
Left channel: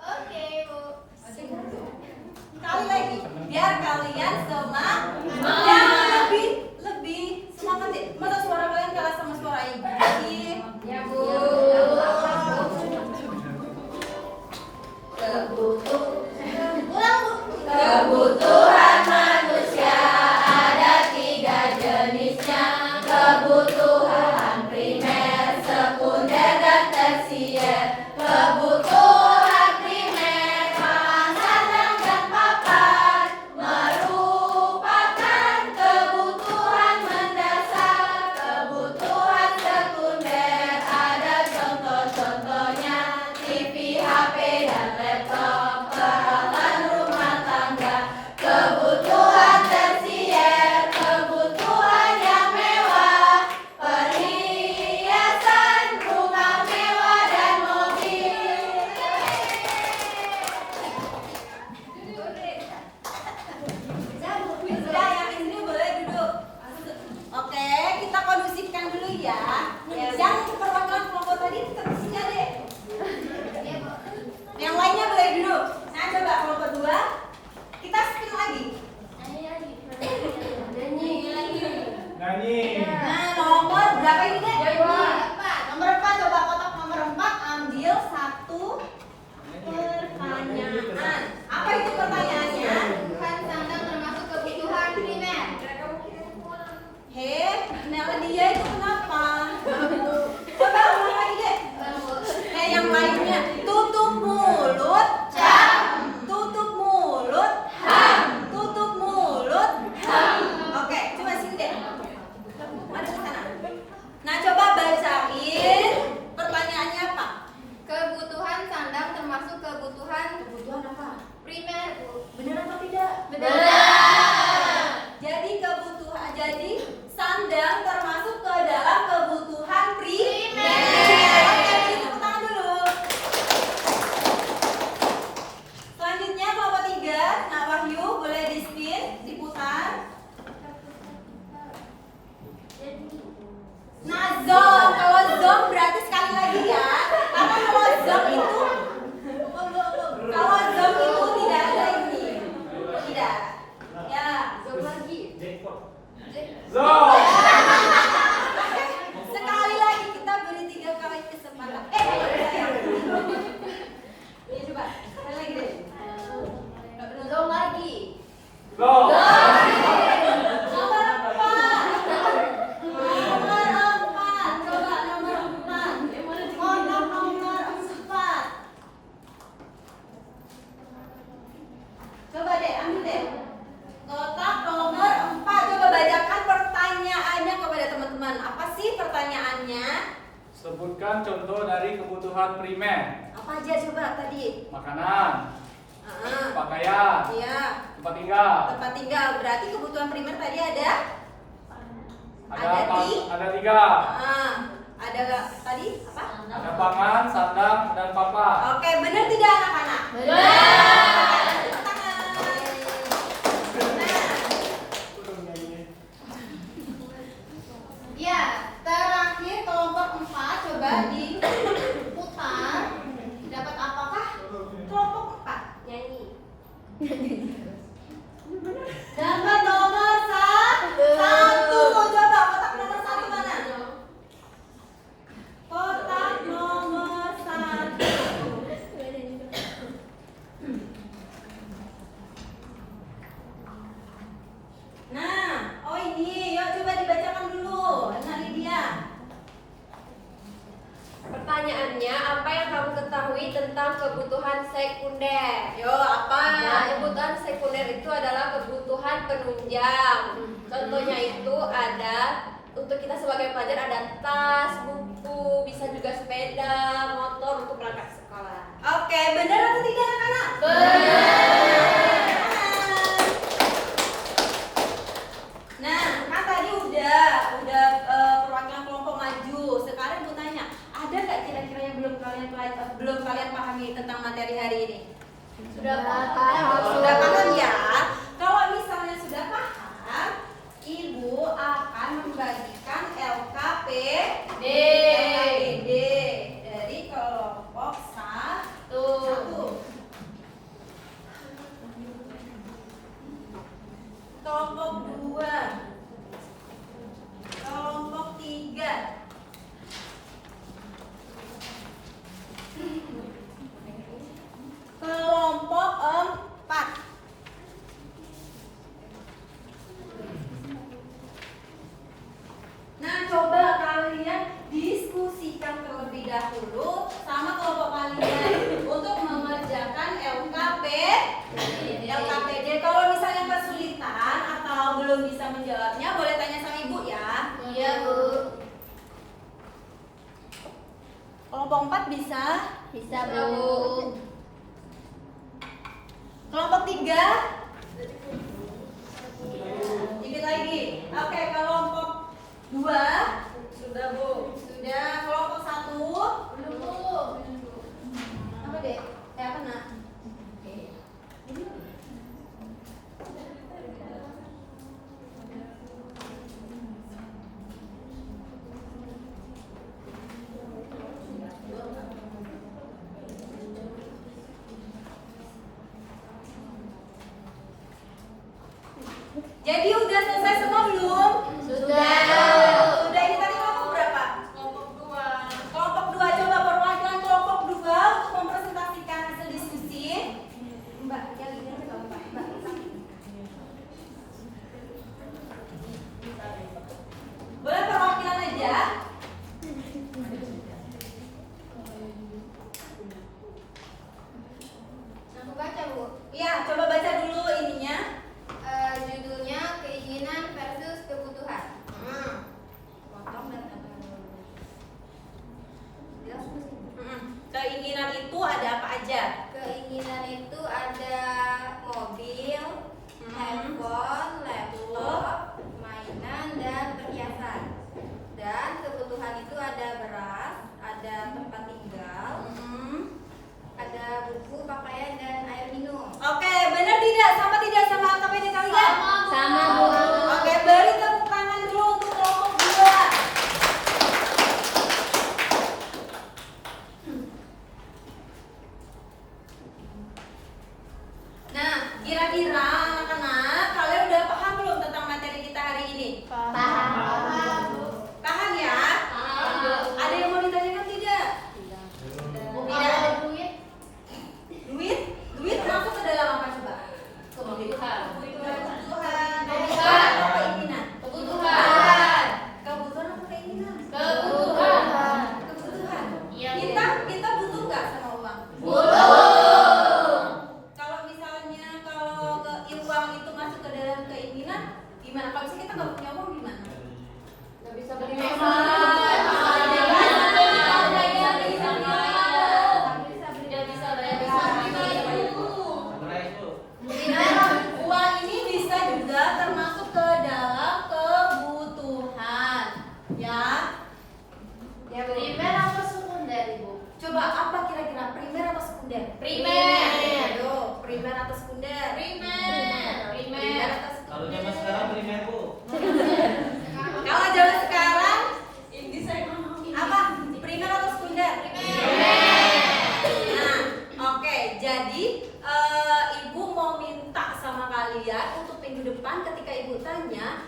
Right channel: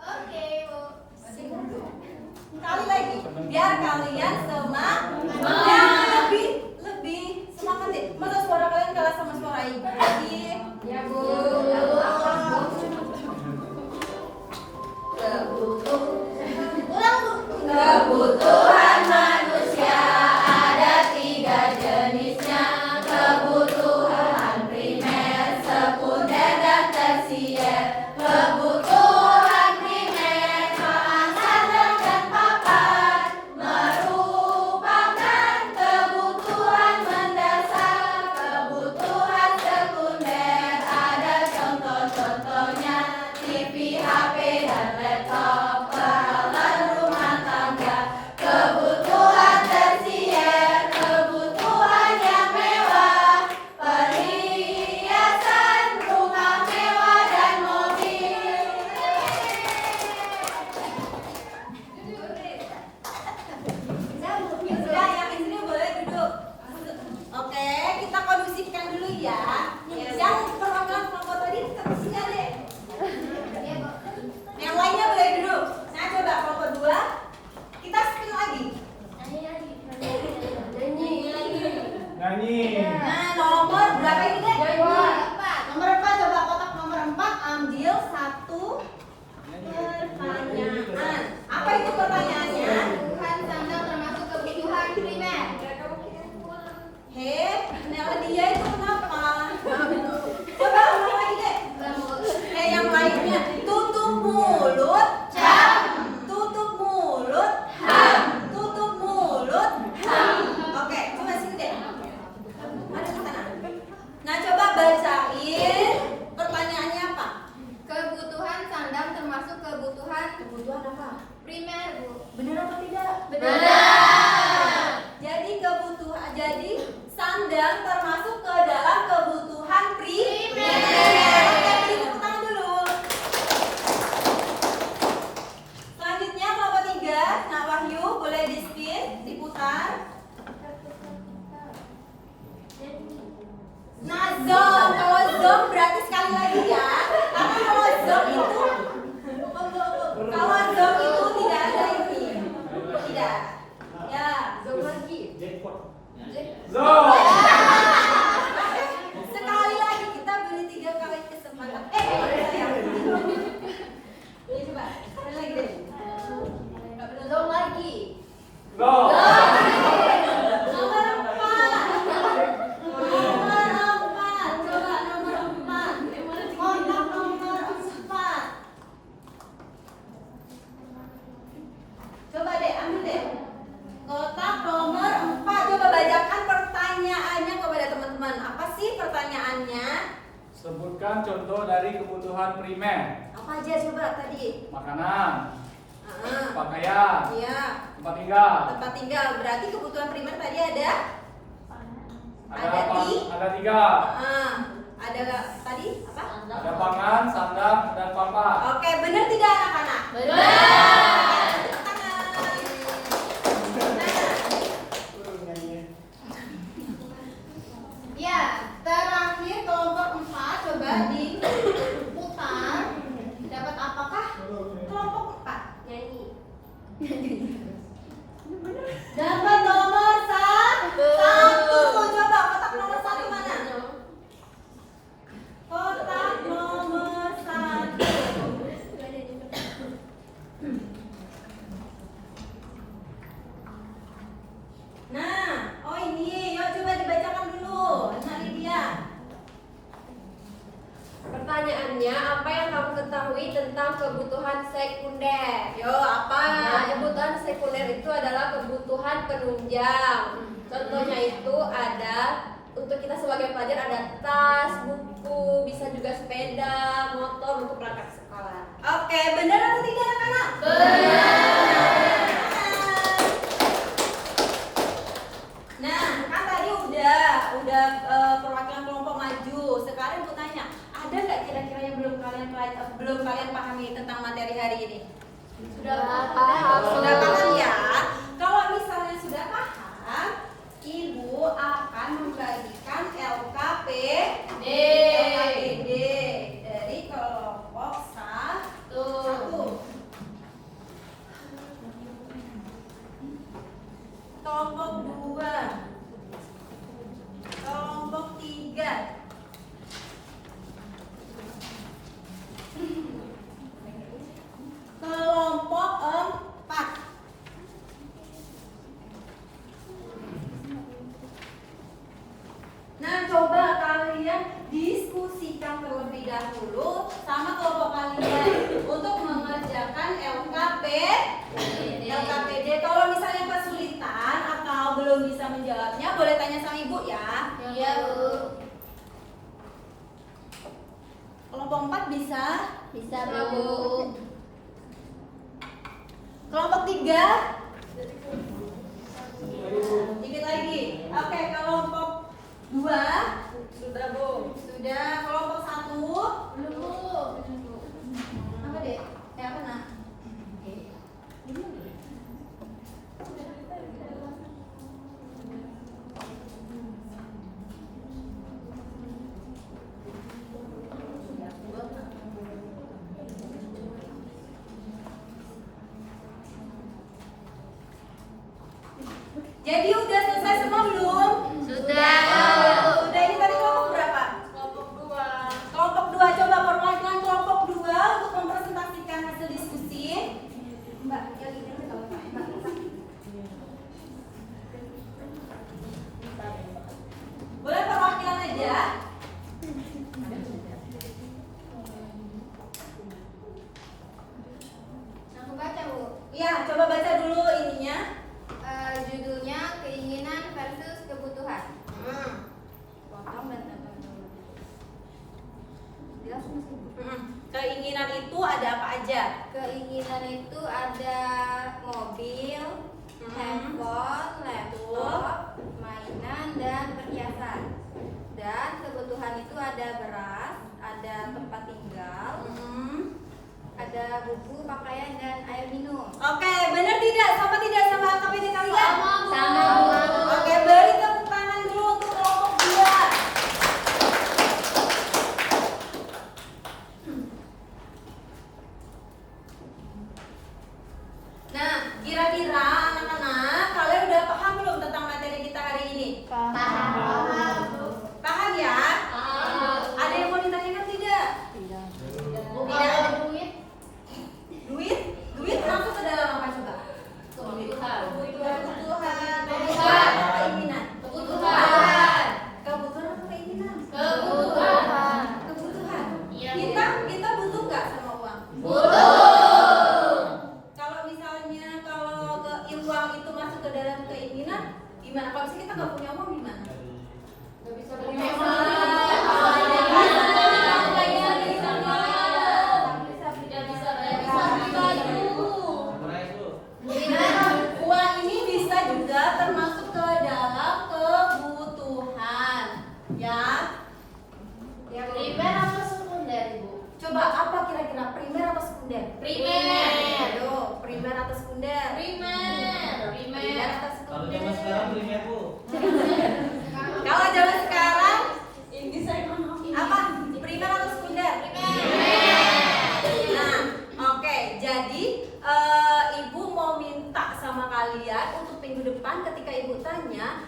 Oke, Bu. Sekali lagi, biar kalian semangat. Lebih semangat deh. Masa suara kalian kalah sama suara ibu? Ya, Bu. Ulang, Bu. Kebutuhan manusia ada 3 jenisnya. Kebutuhan primer, sekunder, dan tersier. Kebutuhan primer, makanan dan papan, merupakan kebutuhan mendasar. Kebutuhan sekunder nyanyi. Nah, nomor berapa ini deh? Nomor 4. Coba kotak nomor 4 ambil satu pertanyaan. Apa itu pertanyaannya? Kebutuhan sandang termasuk kebutuhan primer. Nela dia itu kenapa? Coba ulang lagi deh. Yang lainnya. Tutup mulut. Tutup mulut. Tutup mulut. Oke, coba sini deh. Ada di sana. Nah, coba bacain pertanyaannya apa? Kebutuhan sandang termasuk kebutuhan Apa? primer, Bu. Benar apa tidak? Benar. Jadi sandang termasuk ke dalam kebutuhan primer. Oke, beri tepuk tangan dulu. Selanjutnya kelompok 3, Nak Wahyu boleh di spin, diputar. Nah, zong. Kalau zong berarti sekali lagi ya. Karena kalau zong itu tidak ada ini. Tidak. Ya, zong lagi. Jackpot. Zo. Zo. Sekali lagi kita beri 3 kali kesempatan. Ini coba. Sekali lagi deh. Zong lagi. Zo. Nomor 4. Coba nomor 4. Kotak nomor 4. Coba deh, ambil deh. Kotak nomor 4. Coba bacakan pertanyaannya kepada teman-teman. Apa sih pertanyaannya? Sebutkan contoh dari kebutuhan primer. Apa aja coba tadi? Makanan, Ah, pakaian, iya. tempat tinggal. Tempat tinggal. Berarti kebutuhan primer tadi ada? Ada Ada apa? di? Ada 3. Ada tadi apa? Ada pangan, sandang, dan papan. Oke, benar tidak anak-anak? Benar. Tepuk tangan. Ya, terakhir kelompok 4 coba diputar. Dapat apakah kelompok 4? Nyanyi. Dapat nomor 1. Coba kotak nomor 1 mana? Kotak nomor 1. Nah, oh ini, yuk coba dibacakan dulu. Nah, Lydia. Pertanyaannya, apa yang kamu ketahui tentang kebutuhan sekunder? Yo, apa? Nah, kebutuhan sekunder itu adalah kebutuhan penunjang. Contohnya itu ada untuk kita sebagai pelajar ada tas, buku, bisa juga sepeda, motor untuk berangkat sekolah. Oke, benar atau tidak anak-anak? Nah, kan tadi udah perwakilan kelompok maju. Sekarang aku tanya, ada nggak kira-kira yang belum kalian pahami tentang materi hari ini? Sudah paham. Sudah paham ya? Kalau misalnya sudah paham, Ibu akan membagikan LKPD dari kelompok 1. Kelompok 2, kelompok 3, kelompok 4. Nah, coba kalian diskusikan terlebih dahulu sama kelompok kalian untuk mengerjakan LKPD. Kalau misalnya kesulitan atau belum bisa menjawabnya, boleh tanya sama Ibu ya. Iya, Bu. Kelompok 4 bisa? Bisa, Bu. Kelompok 3? Dikit lagi. Oke, kelompok 2? Sudah, Bu. Sudah. Kelompok 1? Belum, Bu. Apa deh? Apa nak? Jadi udah selesai semua belum? Sudah. aja? Keinginan itu ada mobil, handphone, laptop, mainan, dan perhiasan. Dan kebutuhan itu ada beras, ada tempat tinggal, ada buku, pakaian, dan air minum. Oke, benar tidak? Sama tidak sama KPD kalian? Sama, Bu. Oke, beri tepuk tangan dulu untuk kelompok 2. Nah, kira-kira anak-anak kalian udah paham belum tentang materi kita hari ini? Paham. Paham ya? Ada yang mau ditanyakan tidak? Tidak. Duit? Duit masuk ke dalam apa coba? Kebutuhan. Keinginan. Kebutuhan apa keinginan? Kebutuhan. Iya, Bu. Kita butuh nggak sama uang? Kalau misalnya uang itu masuk ke dalam keinginan, gimana? Kalau misalnya kita nggak punya uang gimana? Nggak bisa beli beli Uang ini bisa juga termasuk ke dalam kebutuhan, ya. Primer apa sekunder, Ibu? Coba apa kira-kira primer atau sekunder? Primer. Aduh, primer atau sekunder? Primer atau Kalau sekunder? zaman sekarang primer, Bu. Kalau zaman sekarang apa? Primer atau sekunder? Nah, oke. Jadi ibu mau minta sama kalian untuk minggu depan ketika ibu tanya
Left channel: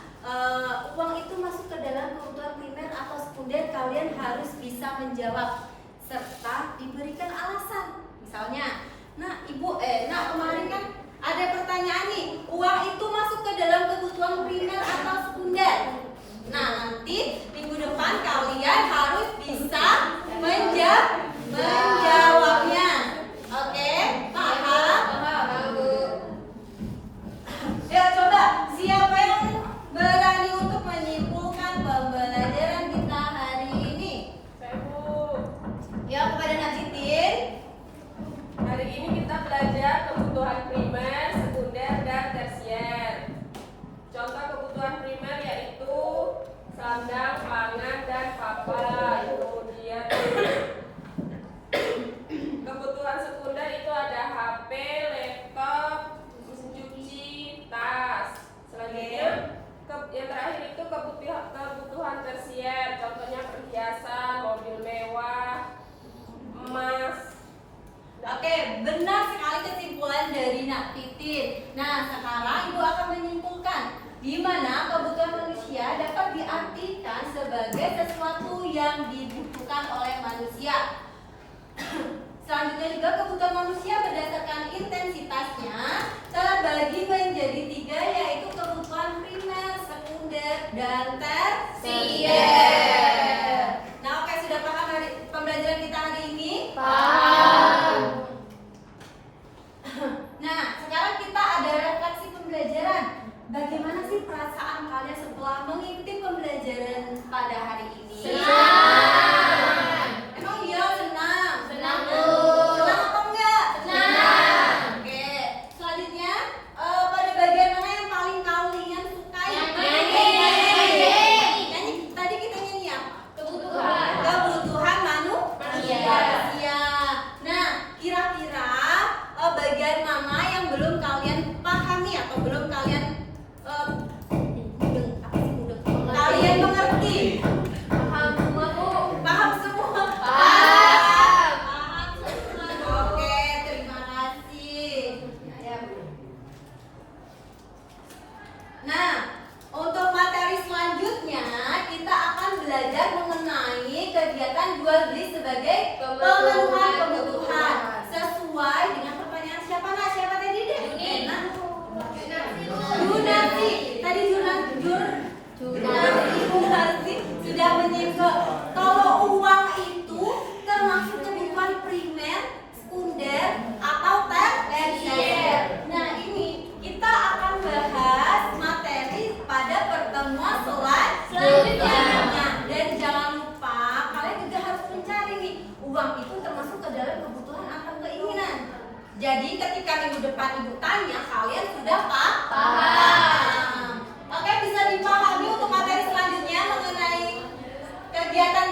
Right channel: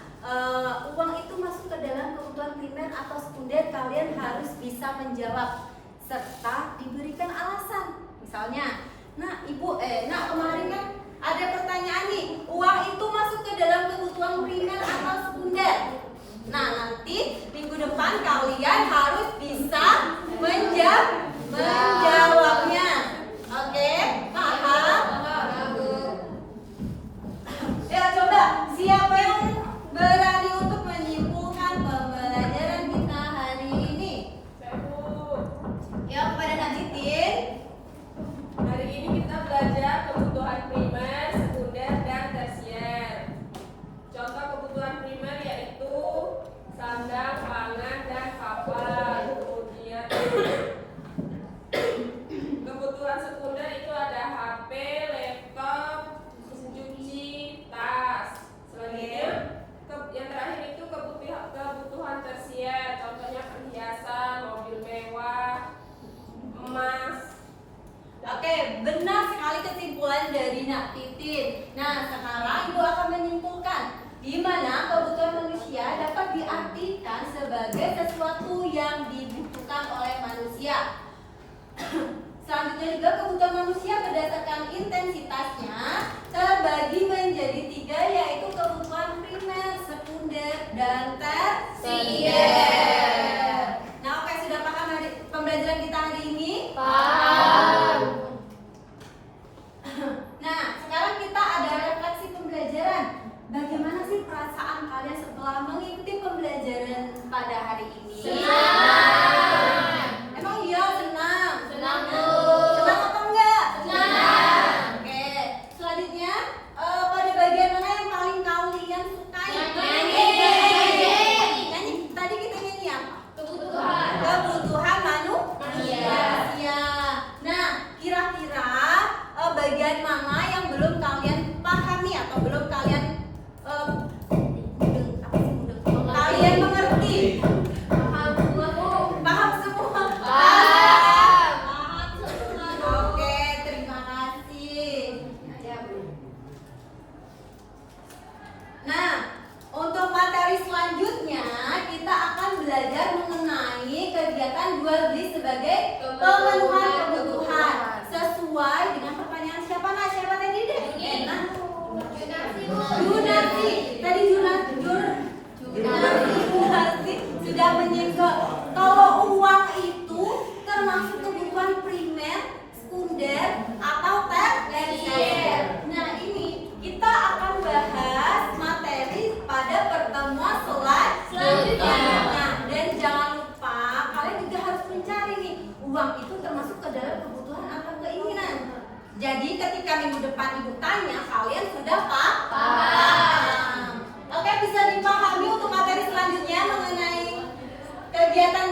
uang itu masuk ke dalam kebutuhan primer atau sekunder, kalian harus bisa menjawab serta diberikan alasan. Misalnya, kemarin kan ada pertanyaan nih, uang itu masuk ke dalam kebutuhan primer atau sekunder? Nah, nanti minggu depan kalian harus bisa menjawabnya. Oke, paham? Ya, coba siapa yang berani untuk menyimpulkan pembelajaran kita hari ini? Ya, kepada Najitin. Hari ini kita belajar kebutuhan primer, sekunder, dan tersier. Contoh kebutuhan primer yaitu sandang, pangan, dan papan. Kemudian kebutuhan sekunder itu ada HP, laptop, mesin cuci, tas. Selanjutnya yang terakhir itu kebutuhan tersier. Contohnya perhiasan, mobil mewah, emas. Oke, benar sekali kesimpulan dari Nak Titin. Nah, sekarang Ibu akan menyimpulkan di mana kebutuhan manusia dapat diartikan sebagai sesuatu yang dibutuhkan oleh manusia. Selanjutnya juga kebutuhan manusia berdasarkan intensitasnya terbagi menjadi 3, yaitu kebutuhan primer, sekunder, dan tersier. Nah, oke, sudah paham dari pembelajaran kita hari ini? Nah, sekarang kita ada refleksi pembelajaran. Bagaimana sih perasaan kalian setelah mengikuti pembelajaran pada hari ini? Senang. Emang iya senang? Senang, Bu. Senang apa enggak? Senang. Oke, selanjutnya pada bagian mana yang paling kalian sukai? Nyanyi. Nyanyi. Tadi kita nyanyi apa? Kebutuhan. Kebutuhan manusia. Nah, kira-kira bagian mana yang belum kalian pahami atau belum kalian kalian mengerti? Paham semua, Bu. Paham semua? Paham semua. Oke, terima kasih. Nah, untuk materi selanjutnya kita akan belajar mengenai kegiatan jual beli sebagai pemenuhan kebutuhan sesuai dengan pertanyaan siapa tadi deh? Junarsi. Tadi Junarsi sudah menyinggung kalau uang itu termasuk kebutuhan primer, sekunder, atau tersier. Nah, ini kita akan bahas materi pada pertemuan selanjutnya. Nah, dan jangan lupa kalian juga harus mencari nih, uang itu termasuk ke dalam kebutuhan atau keinginan. Jadi ketika minggu depan ibu tanya, kalian sudah paham. Oke, bisa dipahami untuk materi selanjutnya mengenai kegiatan